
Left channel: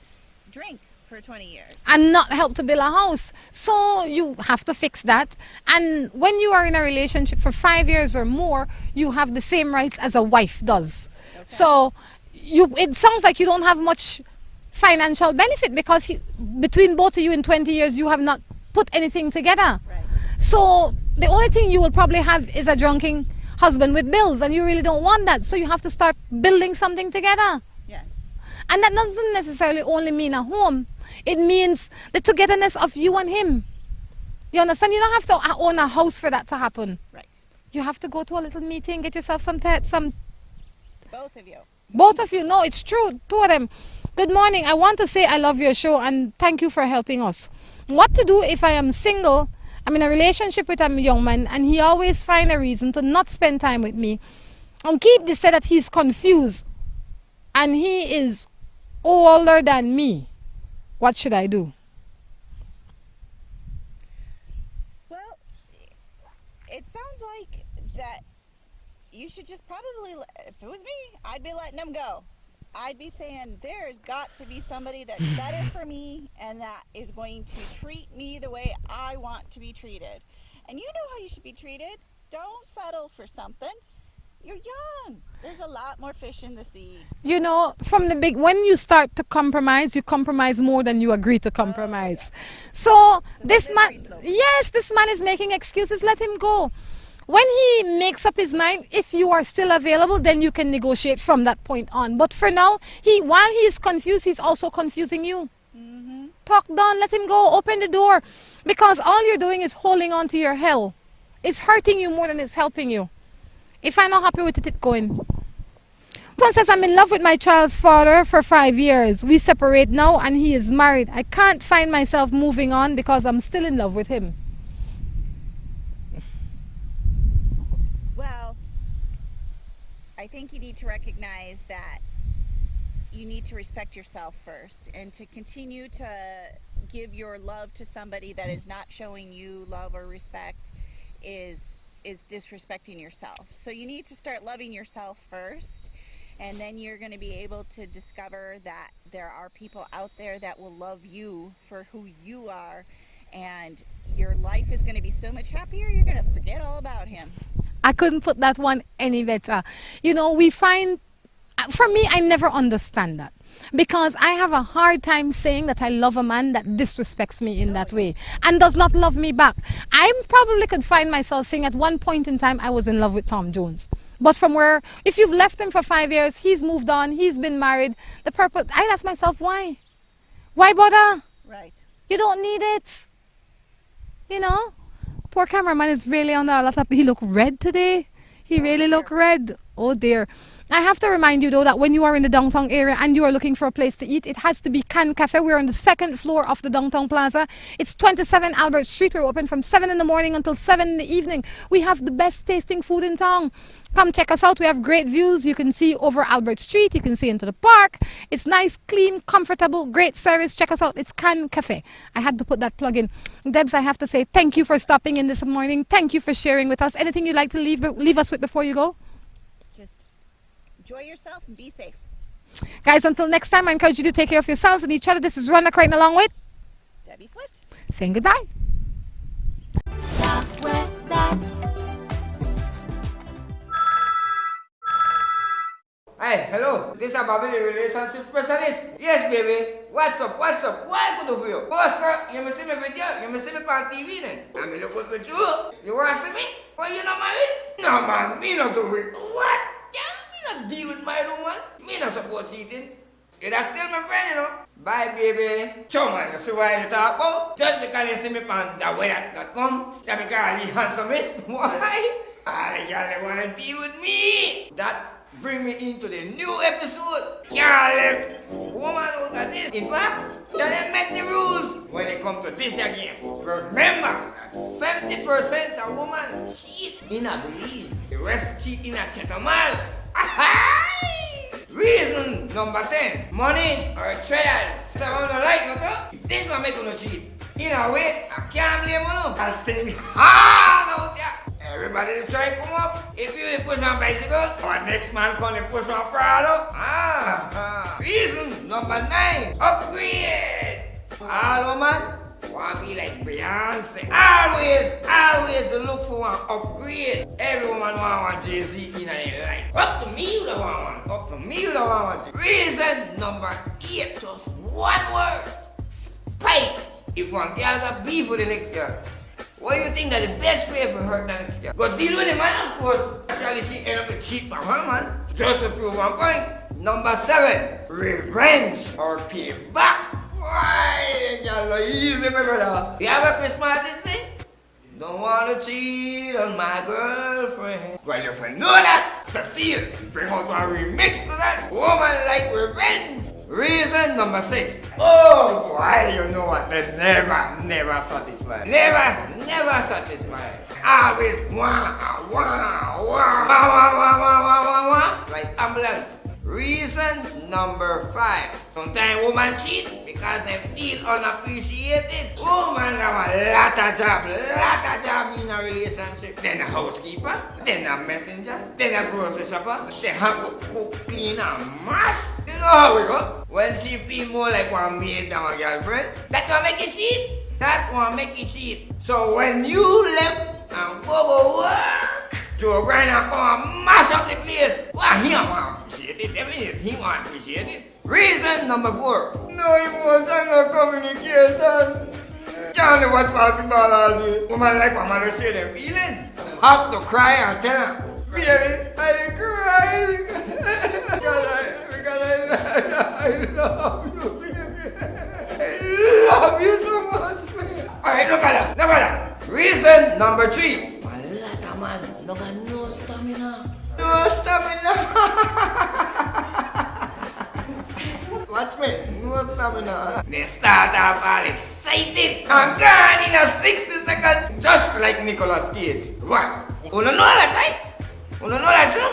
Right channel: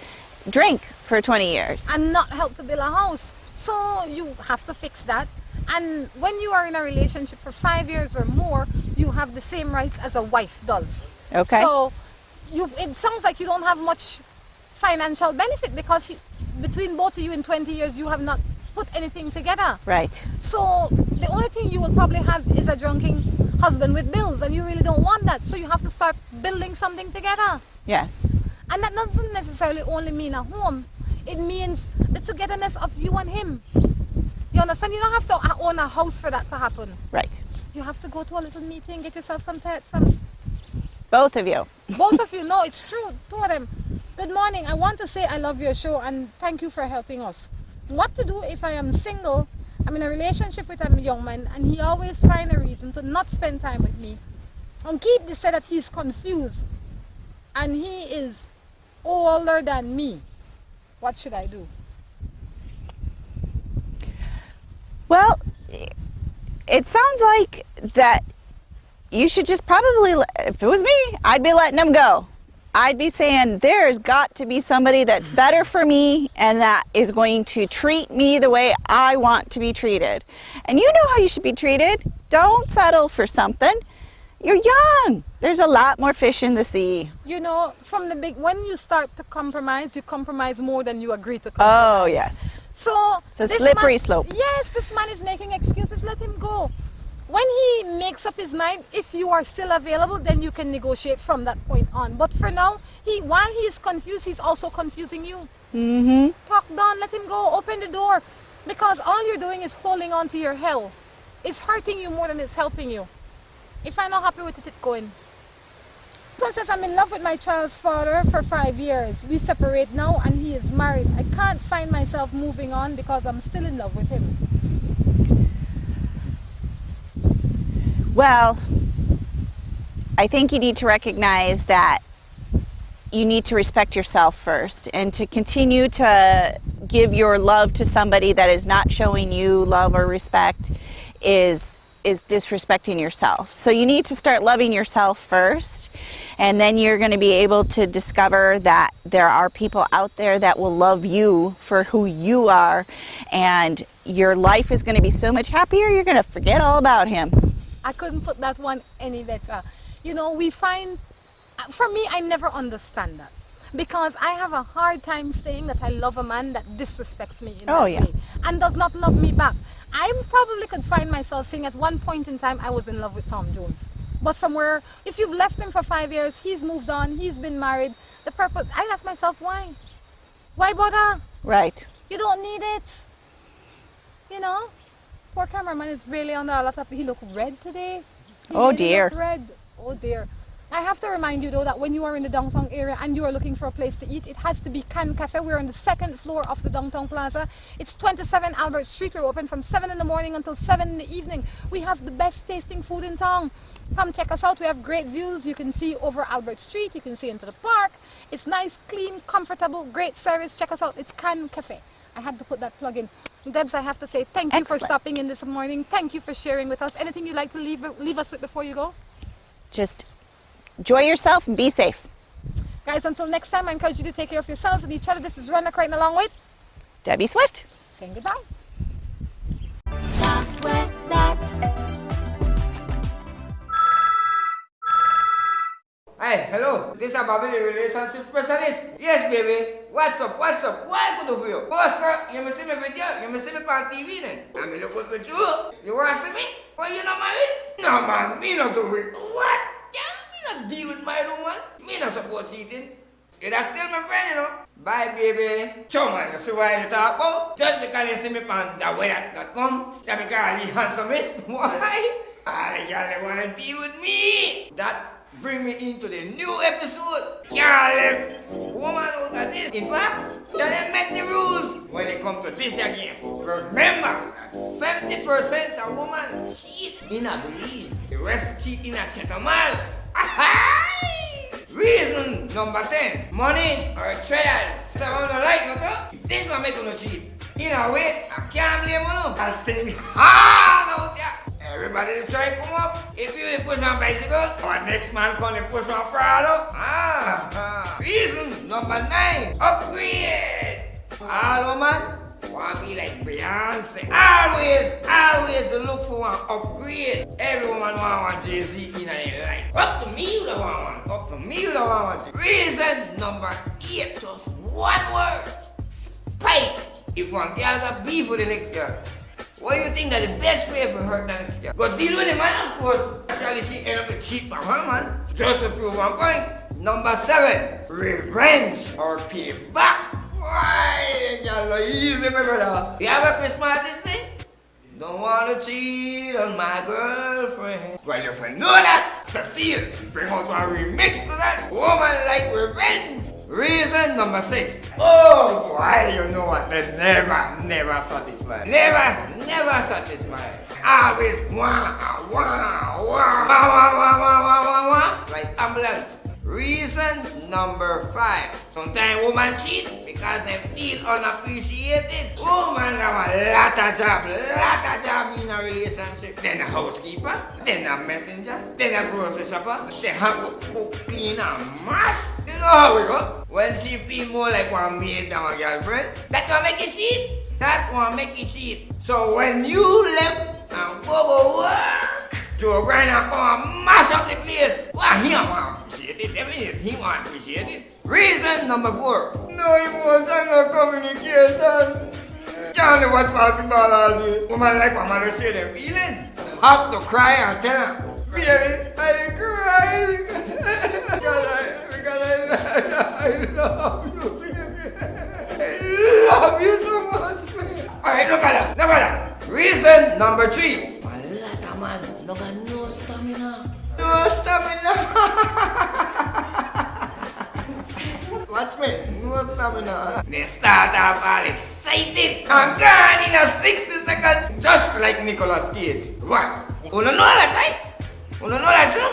drink for 20 years. And not help to build a house. So you have to fix that. And when you are in a relationship for 5 years or more, you have the same rights as a wife does. Okay. So it sounds like you don't have much financial benefit because between both of you in 20 years, you have not put anything together. Right. So the only thing you will probably have is a drunken husband with bills, and you really don't want that. So you have to start building something together. Yes. And that doesn't necessarily only mean a home. It means the togetherness of you and him. You understand? You don't have to own a house for that to happen. Right. You have to go to a little meeting, get yourself some... Both of you. Both of you. No, it's true. Two of them. Good morning. I want to say I love your show and thank you for helping us. What to do if I am single, I'm in a relationship with a young man, and he always find a reason to not spend time with me. And keep this said that he's confused and he is older than me. What should I do? Well, it sounds like that you should just probably, if it was me, I'd be letting him go. I'd be saying there's got to be somebody that's better for me and that is going to treat me the way I want to be treated. And you know how you should be treated. Don't settle for something. You're young. There's a lot more fish in the sea. You know, from the when you start to compromise, you compromise more than you agree to compromise. Oh, yes. So it's a slippery slope. Yes, this man is making excuses. Let him go. When he makes up his mind, if you are still available, then you can negotiate from that point on. But for now, while he is confused, he's also confusing you. Mm-hmm. Talk down, let him go, open the door. Because all you're doing is holding on to your hell. It's hurting you more than it's helping you. If I'm not happy with it, it's going. Ton says, I'm in love with my child's father for 5 years. We separate now and he is married. I can't find myself moving on because I'm still in love with him. Well, I think you need to recognize that you need to respect yourself first, and to continue to give your love to somebody that is not showing you love or respect is disrespecting yourself. So you need to start loving yourself first, and then you're going to be able to discover that there are people out there that will love you for who you are, and your life is going to be so much happier, you're going to forget all about him. I couldn't put that one any better. You know, we find, for me, I never understand that. Because I have a hard time saying that I love a man that disrespects me in that way and does not love me back. I probably could find myself saying at one point in time I was in love with Tom Jones. But from where, if you've left him for 5 years, he's moved on, he's been married, the purpose, I ask myself, why? Why bother? Right. You don't need it. You know? Poor cameraman is really on the laptop. He looked red today. He really looked red. Oh dear. I have to remind you though that when you are in the downtown area and you are looking for a place to eat, it has to be Can Cafe. We're on the second floor of the downtown plaza. It's 27 Albert Street. We're open from 7 in the morning until 7 in the evening. We have the best tasting food in town. Come check us out. We have great views. You can see over Albert Street. You can see into the park. It's nice, clean, comfortable, great service. Check us out. It's Can Cafe. I had to put that plug in. Debs, I have to say thank you for stopping in this morning. Thank you for sharing with us. Anything you'd like to leave us with before you go? Just enjoy yourself and be safe. Guys, until next time, I encourage you to take care of yourselves and each other. This is Rhonda Crichton along with Debbie Swift. Saying goodbye. Hey, hello. This is Bobby, the relationship specialist. Yes, baby. What's up? What's up? What I could do for you? Oh, sir, you must see me video. You must see me on TV then. I mean, look good with you. You want to see me? Oh, you not married? No, man. Me not do it. What? Yeah, me not deal with my woman. Me not support cheating. See, that's still my friend, you know. Bye, baby. So, man, you see why I talk about? Just because you see me on theweather.com, that because you handsome is. Why? All the girls, they want to deal with me. That bring me into the new episode. Can't let woman out of this. In fact, they make the rules when it comes to this again. Remember, 70% of women cheat in a Belize. The rest cheat in a Chetamal. Reason number 10, money or traders. So I don't like no. This one make you no cheat. In a way, I can't blame you. I'll stay hard out there. Everybody try to come up. If you push on bicycle, or next man come and push on Prado. Reason number 9, upgrade. All woman want to be like Beyonce. Always to look for one upgrade. Every woman want one Jay-Z in her life. Up to me you don't want one. Up to me you don't want one. Reason number 8, just one word. Spite. If one girl got beef with the next girl, what do you think that the best way for her than next girl? Go deal with the man, of course. Actually, she end up to cheat on her man. Just to prove one point. Number 7, revenge or payback. Why? Y'all know easy, my brother. You have a Christmas thing? Don't want to cheat on my girlfriend. Well, if you know that, Cecile, bring out a remix to that. Woman like revenge. Reason number 6. Oh, boy, you know what? They never satisfied. Never satisfied. Always wah. Like ambulance. Reason number 5. Sometimes women cheat because they feel unappreciated. Woman have a lot of job in a relationship. Then a housekeeper, then a messenger, then a grocery shopper, then have to cook, clean and mash. You know how we go? When she feel more like one maid than a girlfriend, that will make you cheat. That will make you cheat. So when you left and go work, to a grind and come and mash up the place, well, he don't want to appreciate it. Definitely, he want to appreciate it. Reason number 4. No emotion, no communication. Can't know what's possible all day. Woman like my mother say their feelings. Have to cry and tell her, baby, I cry because I love you, baby. I love you so much, baby. Alright, no matter. Reason number 3. Man, no got no stamina. Watch me, no stamina. They start off all excited and gone in a 60 seconds, just like Nicolas Cage. What? You know that, right? You know that true?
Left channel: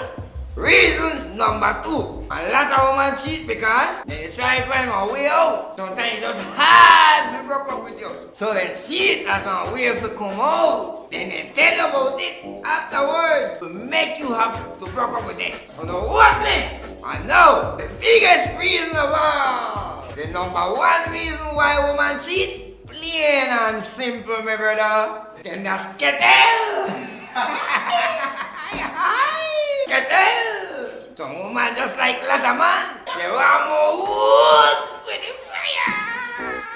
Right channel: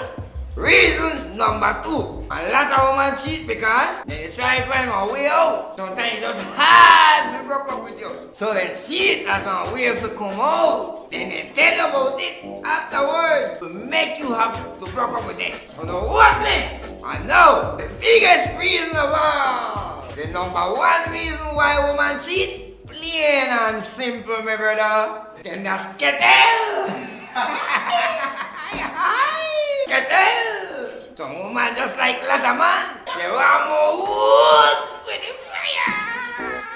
Reason number 2. A lot of women cheat because they try to find a way out. Sometimes it's just hard to break up with you. So they cheat as a way to come out. Then they tell you about it afterwards to make you have to break up with them. So the worthless. And now, the biggest reason of all. The number 1 reason why women cheat. Plain and simple, my brother. Then that's kettle. Kettle. Some woman just like Lata man. They want more wood for the fire.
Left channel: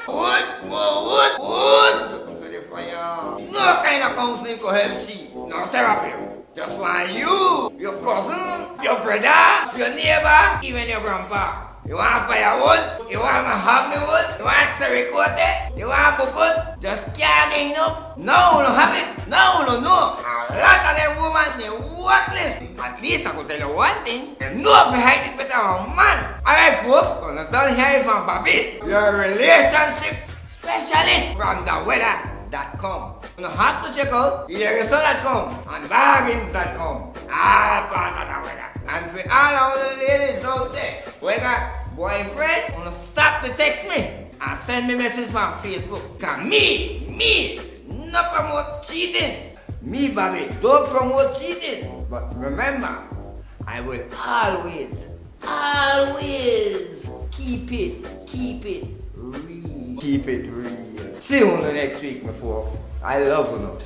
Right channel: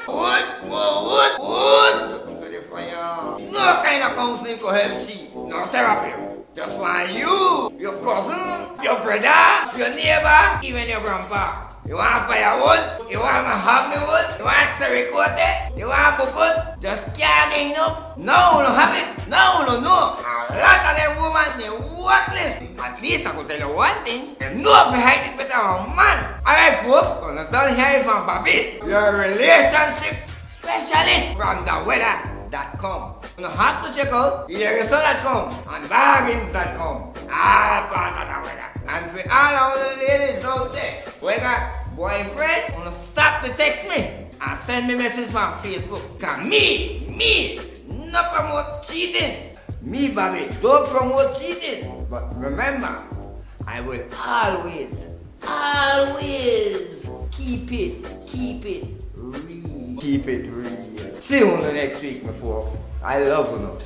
Wood for the fire. No kind of counseling to help she. No therapy. Just want you, your cousin, your brother, your neighbor, even your grandpa. You want firewood? You want mahogany-wood? You want sericote? You want bukut? Just can't get enough? No have it. No. A lot of them women, they worthless. At least I could tell you one thing. They know if you hide it better than a man. Alright folks, when I'm done here from Bobby, your relationship specialist from theweather.com. You have to check out eareso.com and bargains.com. All part of the weather. And for all our ladies out there, we got boyfriend, wanna stop to text me and send me message from Facebook. Cause me, no promote cheating. Me, Bobby, don't promote cheating. But remember, I will always keep it real. Keep it real. See you next week, my folks. I love you.